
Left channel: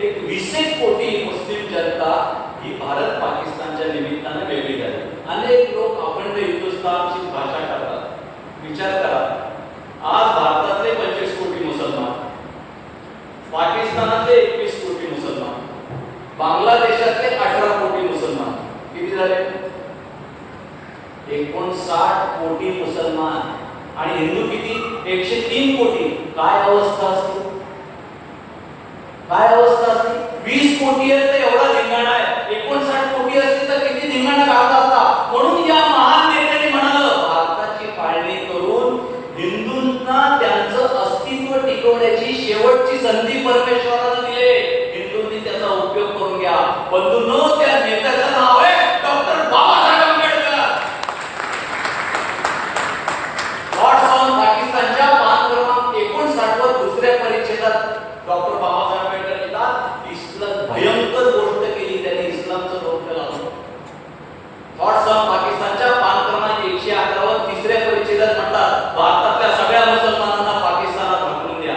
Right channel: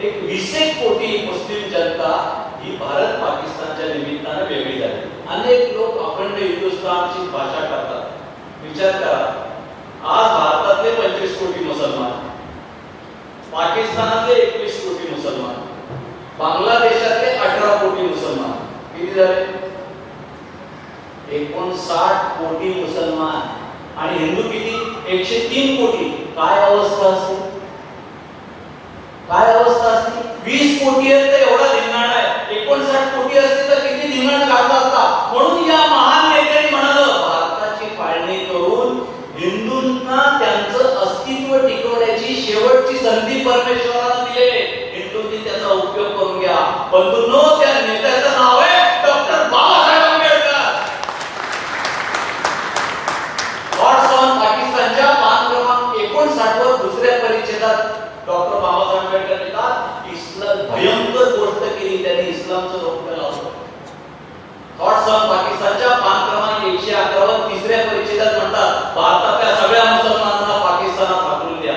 एक 20 कोटी मुस्लिम जनता ही भारत पाकिस्तानच्या निमित्ताने वेगळी झाली. अनेक लोक अखंड हिंदुस्थानची भाषा करतात. विचार करा, आज भारतातले 25 कोटी मुसलमान, पाकिस्तानातले 21 कोटी मुसलमान, बांगलादेशातले 18 कोटी मुसलमान, किती झाले? 59 कोटी मुसलमान आणि हिंदू किती? 103 कोटी. काय अवस्था असते? काय अवस्था असते? 20 कोटी आहे तर एवढा धिंगाणा आहे, 59 कोटी असते तर किती धिंगाणा घालत असता. म्हणून या महान नेत्यांनी म्हणालं, भारताची फाळणी करून हिंदूंना त्यांचं अस्तित्व टिकवण्याची शेवटची संधी परमेश्वराने दिली. हिंदूंनी त्याचा उपयोग करून घ्या. बंधूंनो, त्या नेत्याचं नाव आहे doctor Babasaheb Ambedkar. Thoughts on पाकिस्तानच्या पान क्रमांक 59 वर दुसऱ्या परिच्छेदात डॉक्टर बाबासाहेब आंबेडकर लिहितात, इस्लाम भयंकर गोष्ट केली त्यांनी, इस्लामचं रोपटं लावलं. थॉट्स ऑन पाकिस्तानच्या पान क्रमांक 111 वर तिसऱ्या परिच्छेदात म्हणतात, भारतातल्या सगळ्या मुसलमानांना पाकिस्तानात हाकलून द्या.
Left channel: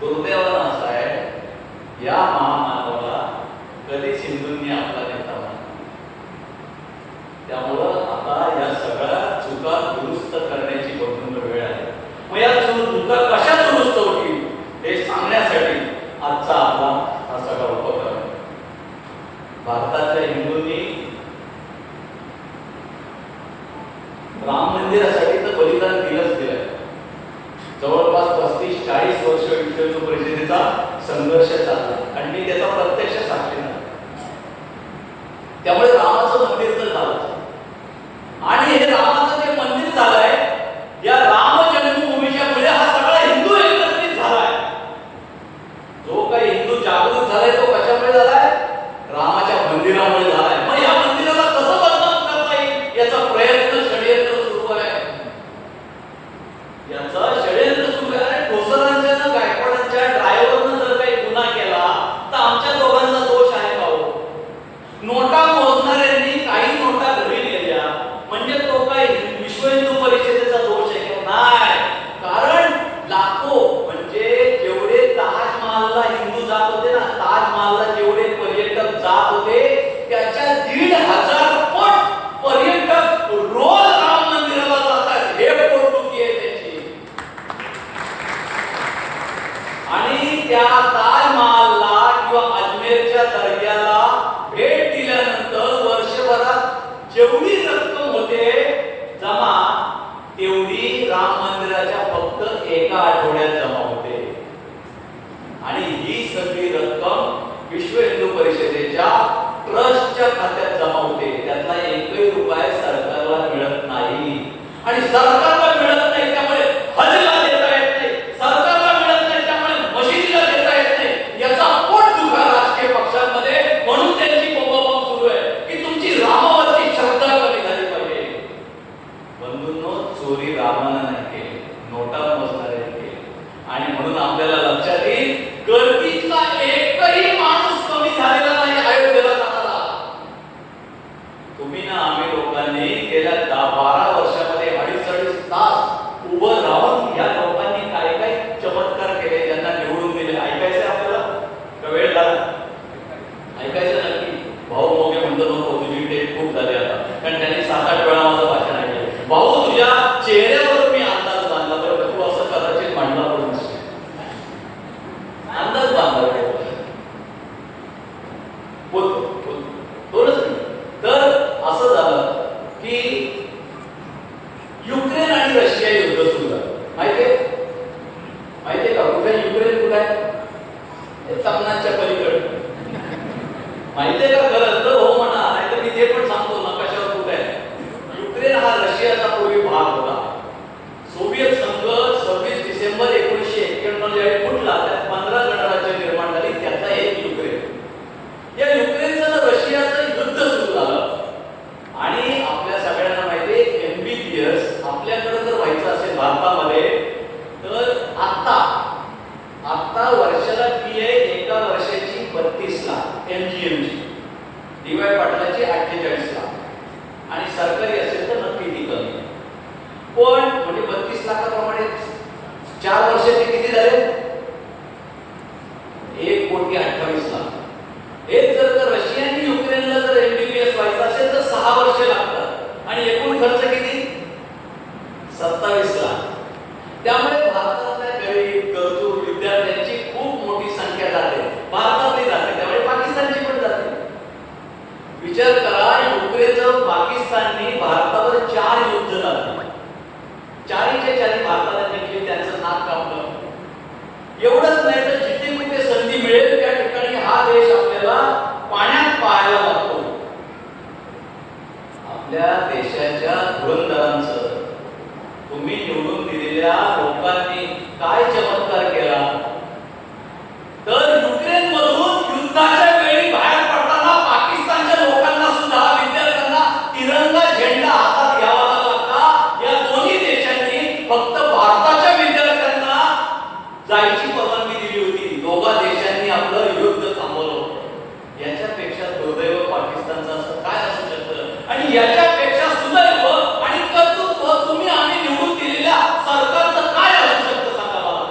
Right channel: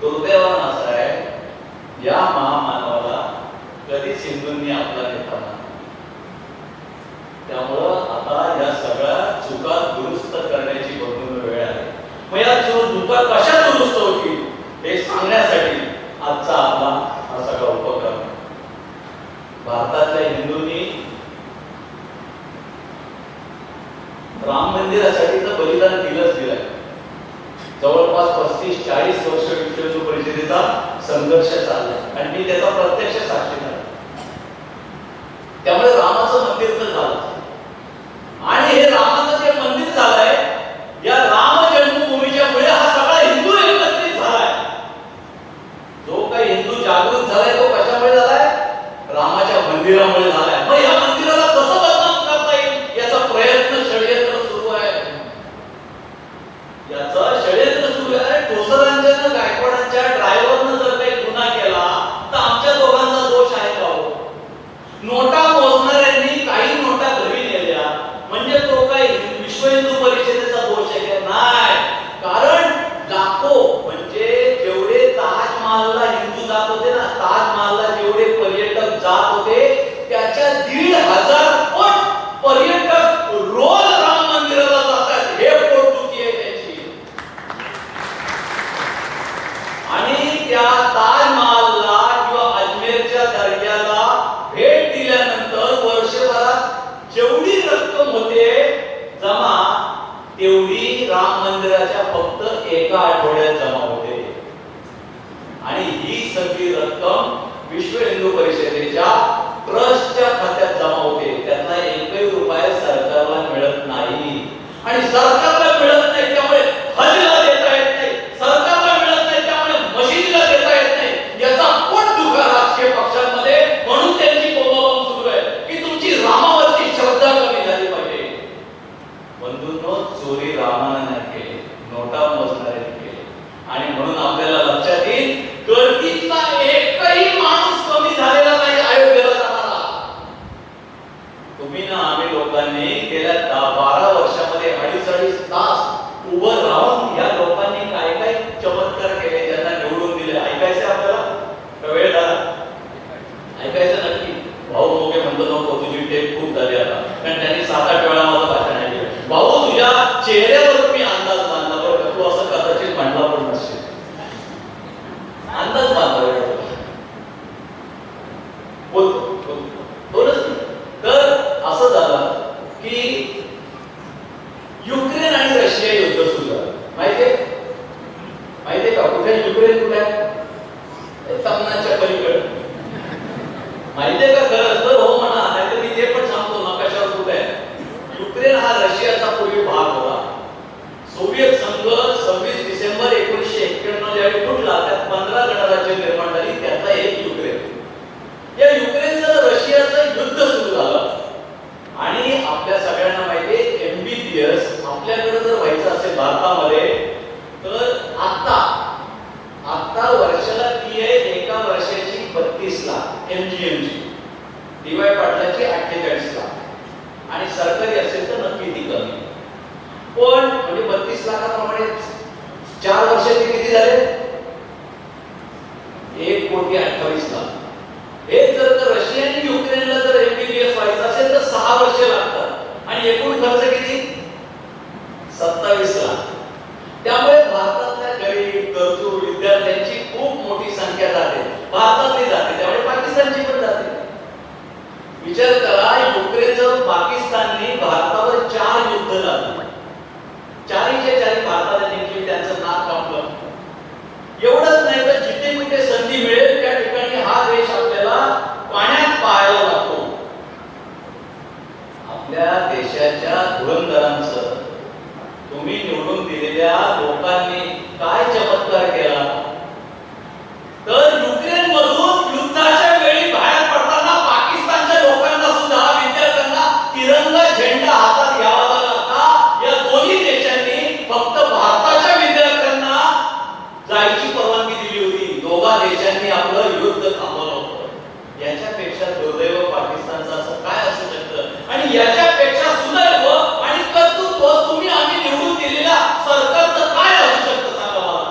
दुर्दैवानं असं आहे, या महामानवाला कधीच हिंदूंनी आपला नेता मानला. त्यामुळं आता या सगळ्या चुका दुरुस्त करण्याची बघून वेळ आहे. मग या चुका कशा दुरुस्त होतील हे सांगण्यासाठी आजचा आपला हा सगळा उपक्रम. भारतातल्या हिंदूंनी राम मंदिरासाठी तर बलिदान दिलंच दिलंय. जवळपास 35-40 वर्ष विश्व हिंदू परिषदेचा संघर्ष चाललाय आणि मी त्याचा प्रत्यक्ष साक्षीदार. त्यामुळे रामाचं मंदिर तर झालं आणि हे रामाचं जे मंदिर झालंय या राम जन्मभूमीच्या मुळे हा सगळा हिंदू एकत्रित झालाय. जो काही हिंदू जागृत झालाय तो कशामुळे झालाय? रामाच्या मंदिरामुळे झालाय. मग या मंदिराला कसं बदनाम करता येईल याचा प्रयत्न षडयंत्र सुरू आहे. याचा षडयंत्र सुरू आहे. ठोसरांच्या गायकवाडांच्या ड्रायव्हरनं जर काही गुन्हा केला तर आमच्या दोघांचा दोष आहे का हो? नोटा मोजणाऱ्यांनी काही नोटा घरी नेल्या म्हणजे तो काय विश्व हिंदू परिषदेचा दोष आहे का? नाही. कारण लाखो म्हणजे जेवढे ताजमहलला हिंदू जात होते ना, ताजमहलला जेवढे पर्यटक जात होते त्याच्या 1,500 पट पर्यटक रोज राम मंदिराला जातात. हे पोटदुखी आहे त्याची. आणि त्या ताजमहलला किंवा अजमेरच्या दर्ग्याला भेट दिल्यानंतर वर्षभरात जेवढी रक्कम होते जमा तेवढी राम मंदिराच्या फक्त एका आठवड्यात जमा होते. आणि ही सगळी रक्कम विश्व हिंदू परिषदेच्या ट्रस्टच्या खात्यात जमा होते. त्यातला एकही रुपया सरकारला मिळत नाही. आणि सरकारला मिळत नाही त्यामुळे हजला देता येत नाही. सरकारला मिळत नाही त्यामुळे मशिदीला देता येत नाही. याचा पोट दुखा राजकीय पक्षांमध्ये. म्हणून त्यांची बोंबाबोंब सुरू आहे की तुमची रामावरची श्रद्धा कमी झाली पाहिजे. बंधूंनो, चोरी रामानं नाही केली, नोटा मोजणारे केली. आणि म्हणून आपल्याला लक्षात येईल गर्दीतला एकही माणूस कमी झालेला नाही अयोध्येला जाणारा. तुम्ही ना आम्ही लोकांनी गेल्या 12 वर्षामध्ये 2.5 तास उभं राहून या लोकांनी काय काय चमत्कार केले, ज्यांना निवडून दिले. ऐकायचं आपल्याला? वेळ झाला ऐकायचं नक्की. भाऊ मोगे म्हणतो नको, तुझी टेप खूप झाली आता. कारण त्यांनी 7-8 वेळा माझं भाषण ऐकलं. भाऊ तुझ्या चेहऱ्यावर मी अंदाज बांधला बरं, तू असं कदाचित म्हणला पण नसेल. अंदाज बांधला बोलतो दोनच. तर असं झालं की युक्रेन आणि रशिया युद्ध सुरू झालं. माहितीये का? कुठे युक्रेन कुठे आहे? तमनाच्या पलीकडे. माहितीये का? खरंच तर हो म्हणा, नाही तर मी ते पण सांगतो ना कशावर कुठे आहे. युक्रेन हा रशियाचा पूर्वी भाग होता. सोव्हिएत संघ 26 डिसेंबर 1991 ज्यावेळी फुटला त्यात 15 गणराज्य निर्माण झाली. त्यातला एक युक्रेन. या युक्रेनचं रशियाचं युद्ध सुरू झालं. आणि आपल्या सगळ्यांना माहिती आहे MBBS आपल्याकडे जर व्हायचं असेल भारतामध्ये तर आता वर्षाला फी आहे एका वर्षाची 32 लाख MGM ची. DY पाटलाची 48 लाख. आणि सरकारी असेल तर नक्की ती कमी. पण म्हणजे 32 लाखाप्रमाणे 4 वर्षाचे किती झाले? 1,28,00,000. एक जर रशियाने युक्रेनला जर MBBS व्हायचं असेल तर 6 वर्ष लागतात. आणि एकूण खर्च किती? 27 लाख. त्यामुळे भारतातल्या गरीब गरजू विद्यार्थ्यांची खूप मोठी संख्या जाते. भारतातली जाते त्यामुळे पाकिस्तानची पण जाते. विचार करा, युक्रेनचं पाकिस्तानने भारतावर 4 युद्ध लढली. 4च्या 4 भारताला जिंकली. त्यांचं नाक कापलं. एवढंच नाही तर जिथे कुठे संधी मिळेल त्या ठिकाणी हा देश आपल्याला पाण्यात पाहायला लागतो. आपल्या देशाच्या धुरंधरांचं तुम्ही निवडून दिलेल्या लोकांनी काय चमत्कार केला? तर युक्रेन मधून युद्धाच्या वेळी बाहेर पडताना पाकिस्तानच्या लोकांना सुद्धा विद्यार्थ्यांना तिरंगा झेंडा हातात घ्यावा लागला. या दोन्ही देशांनी फक्त भारताच्या विद्यार्थ्यांना जायची परवानगी दिली होती. दोघा देशांनी आपलं युद्ध थांबवलं होतं. याच्यापेक्षा दुर्दैव पाकिस्तानचं असं काय असू शकतं? आणि याच्यापेक्षा सुदैव आणि कर्तृत्व तुम्ही आम्ही निवडून दिलेल्या सरकारचं काय असू शकतं सांगा मला.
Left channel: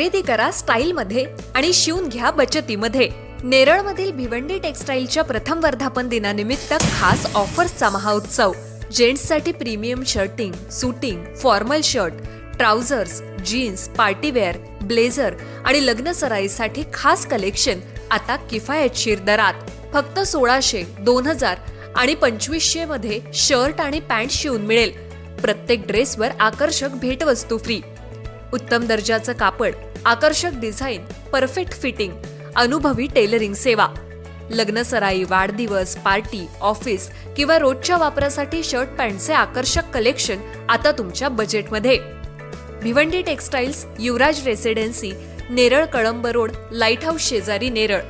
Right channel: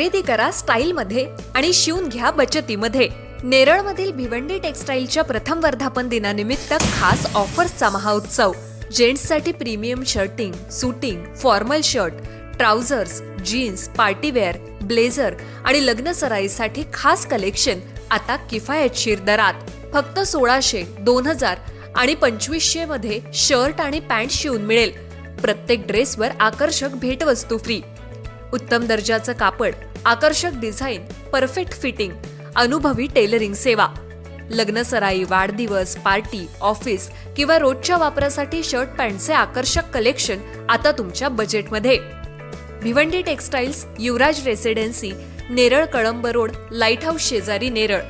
खरेदी करा स्टाईलमध्ये आणि शिवून घ्या बचतीमध्ये. नेरळमधील भिवंडी टेक्सटाईलच्या प्रथम वर्धापन दिनानिमित्त खास ऑफर्सचा महाउत्सव. जेंट्ससाठी premium shirting, suiting, formal shirt, trousers, jeans, partywear, blazer आणि लग्न सराईसाठी खास कलेक्शन आता किफायतशीर दरात. फक्त 1600, 2000 आणि 2500 मध्ये शर्ट आणि पॅन्ट शिवून मिळेल. प्रत्येक ड्रेसवर आकर्षक भेटवस्तू फ्री. उत्तम दर्जाचं कापड, आकर्षक डिझाईन, परफेक्ट फिटिंग, अनुभवी टेलरिंग सेवा. लग्न सराई, वाढदिवस, पार्टी, ऑफिस किंवा रोजच्या वापरासाठी शर्ट पॅन्टचे आकर्षक कलेक्शन आता तुमच्या बजेटमध्ये. Bhiwandi textiles, Yuvraj residency, Neral Kalamb road, lighthouse शेजारी, नेरळ.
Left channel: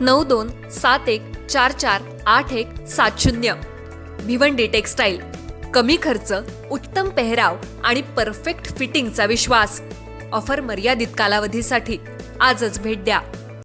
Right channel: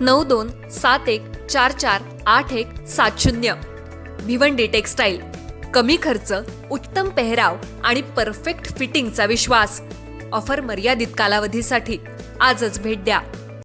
9271448170. भिवंडी टेक्सटाईल. कमी खर्च, उत्तम पेहराव आणि परफेक्ट फिटिंगचा विश्वास. ऑफर मर्यादित कालावधीसाठी. आजच भेट द्या.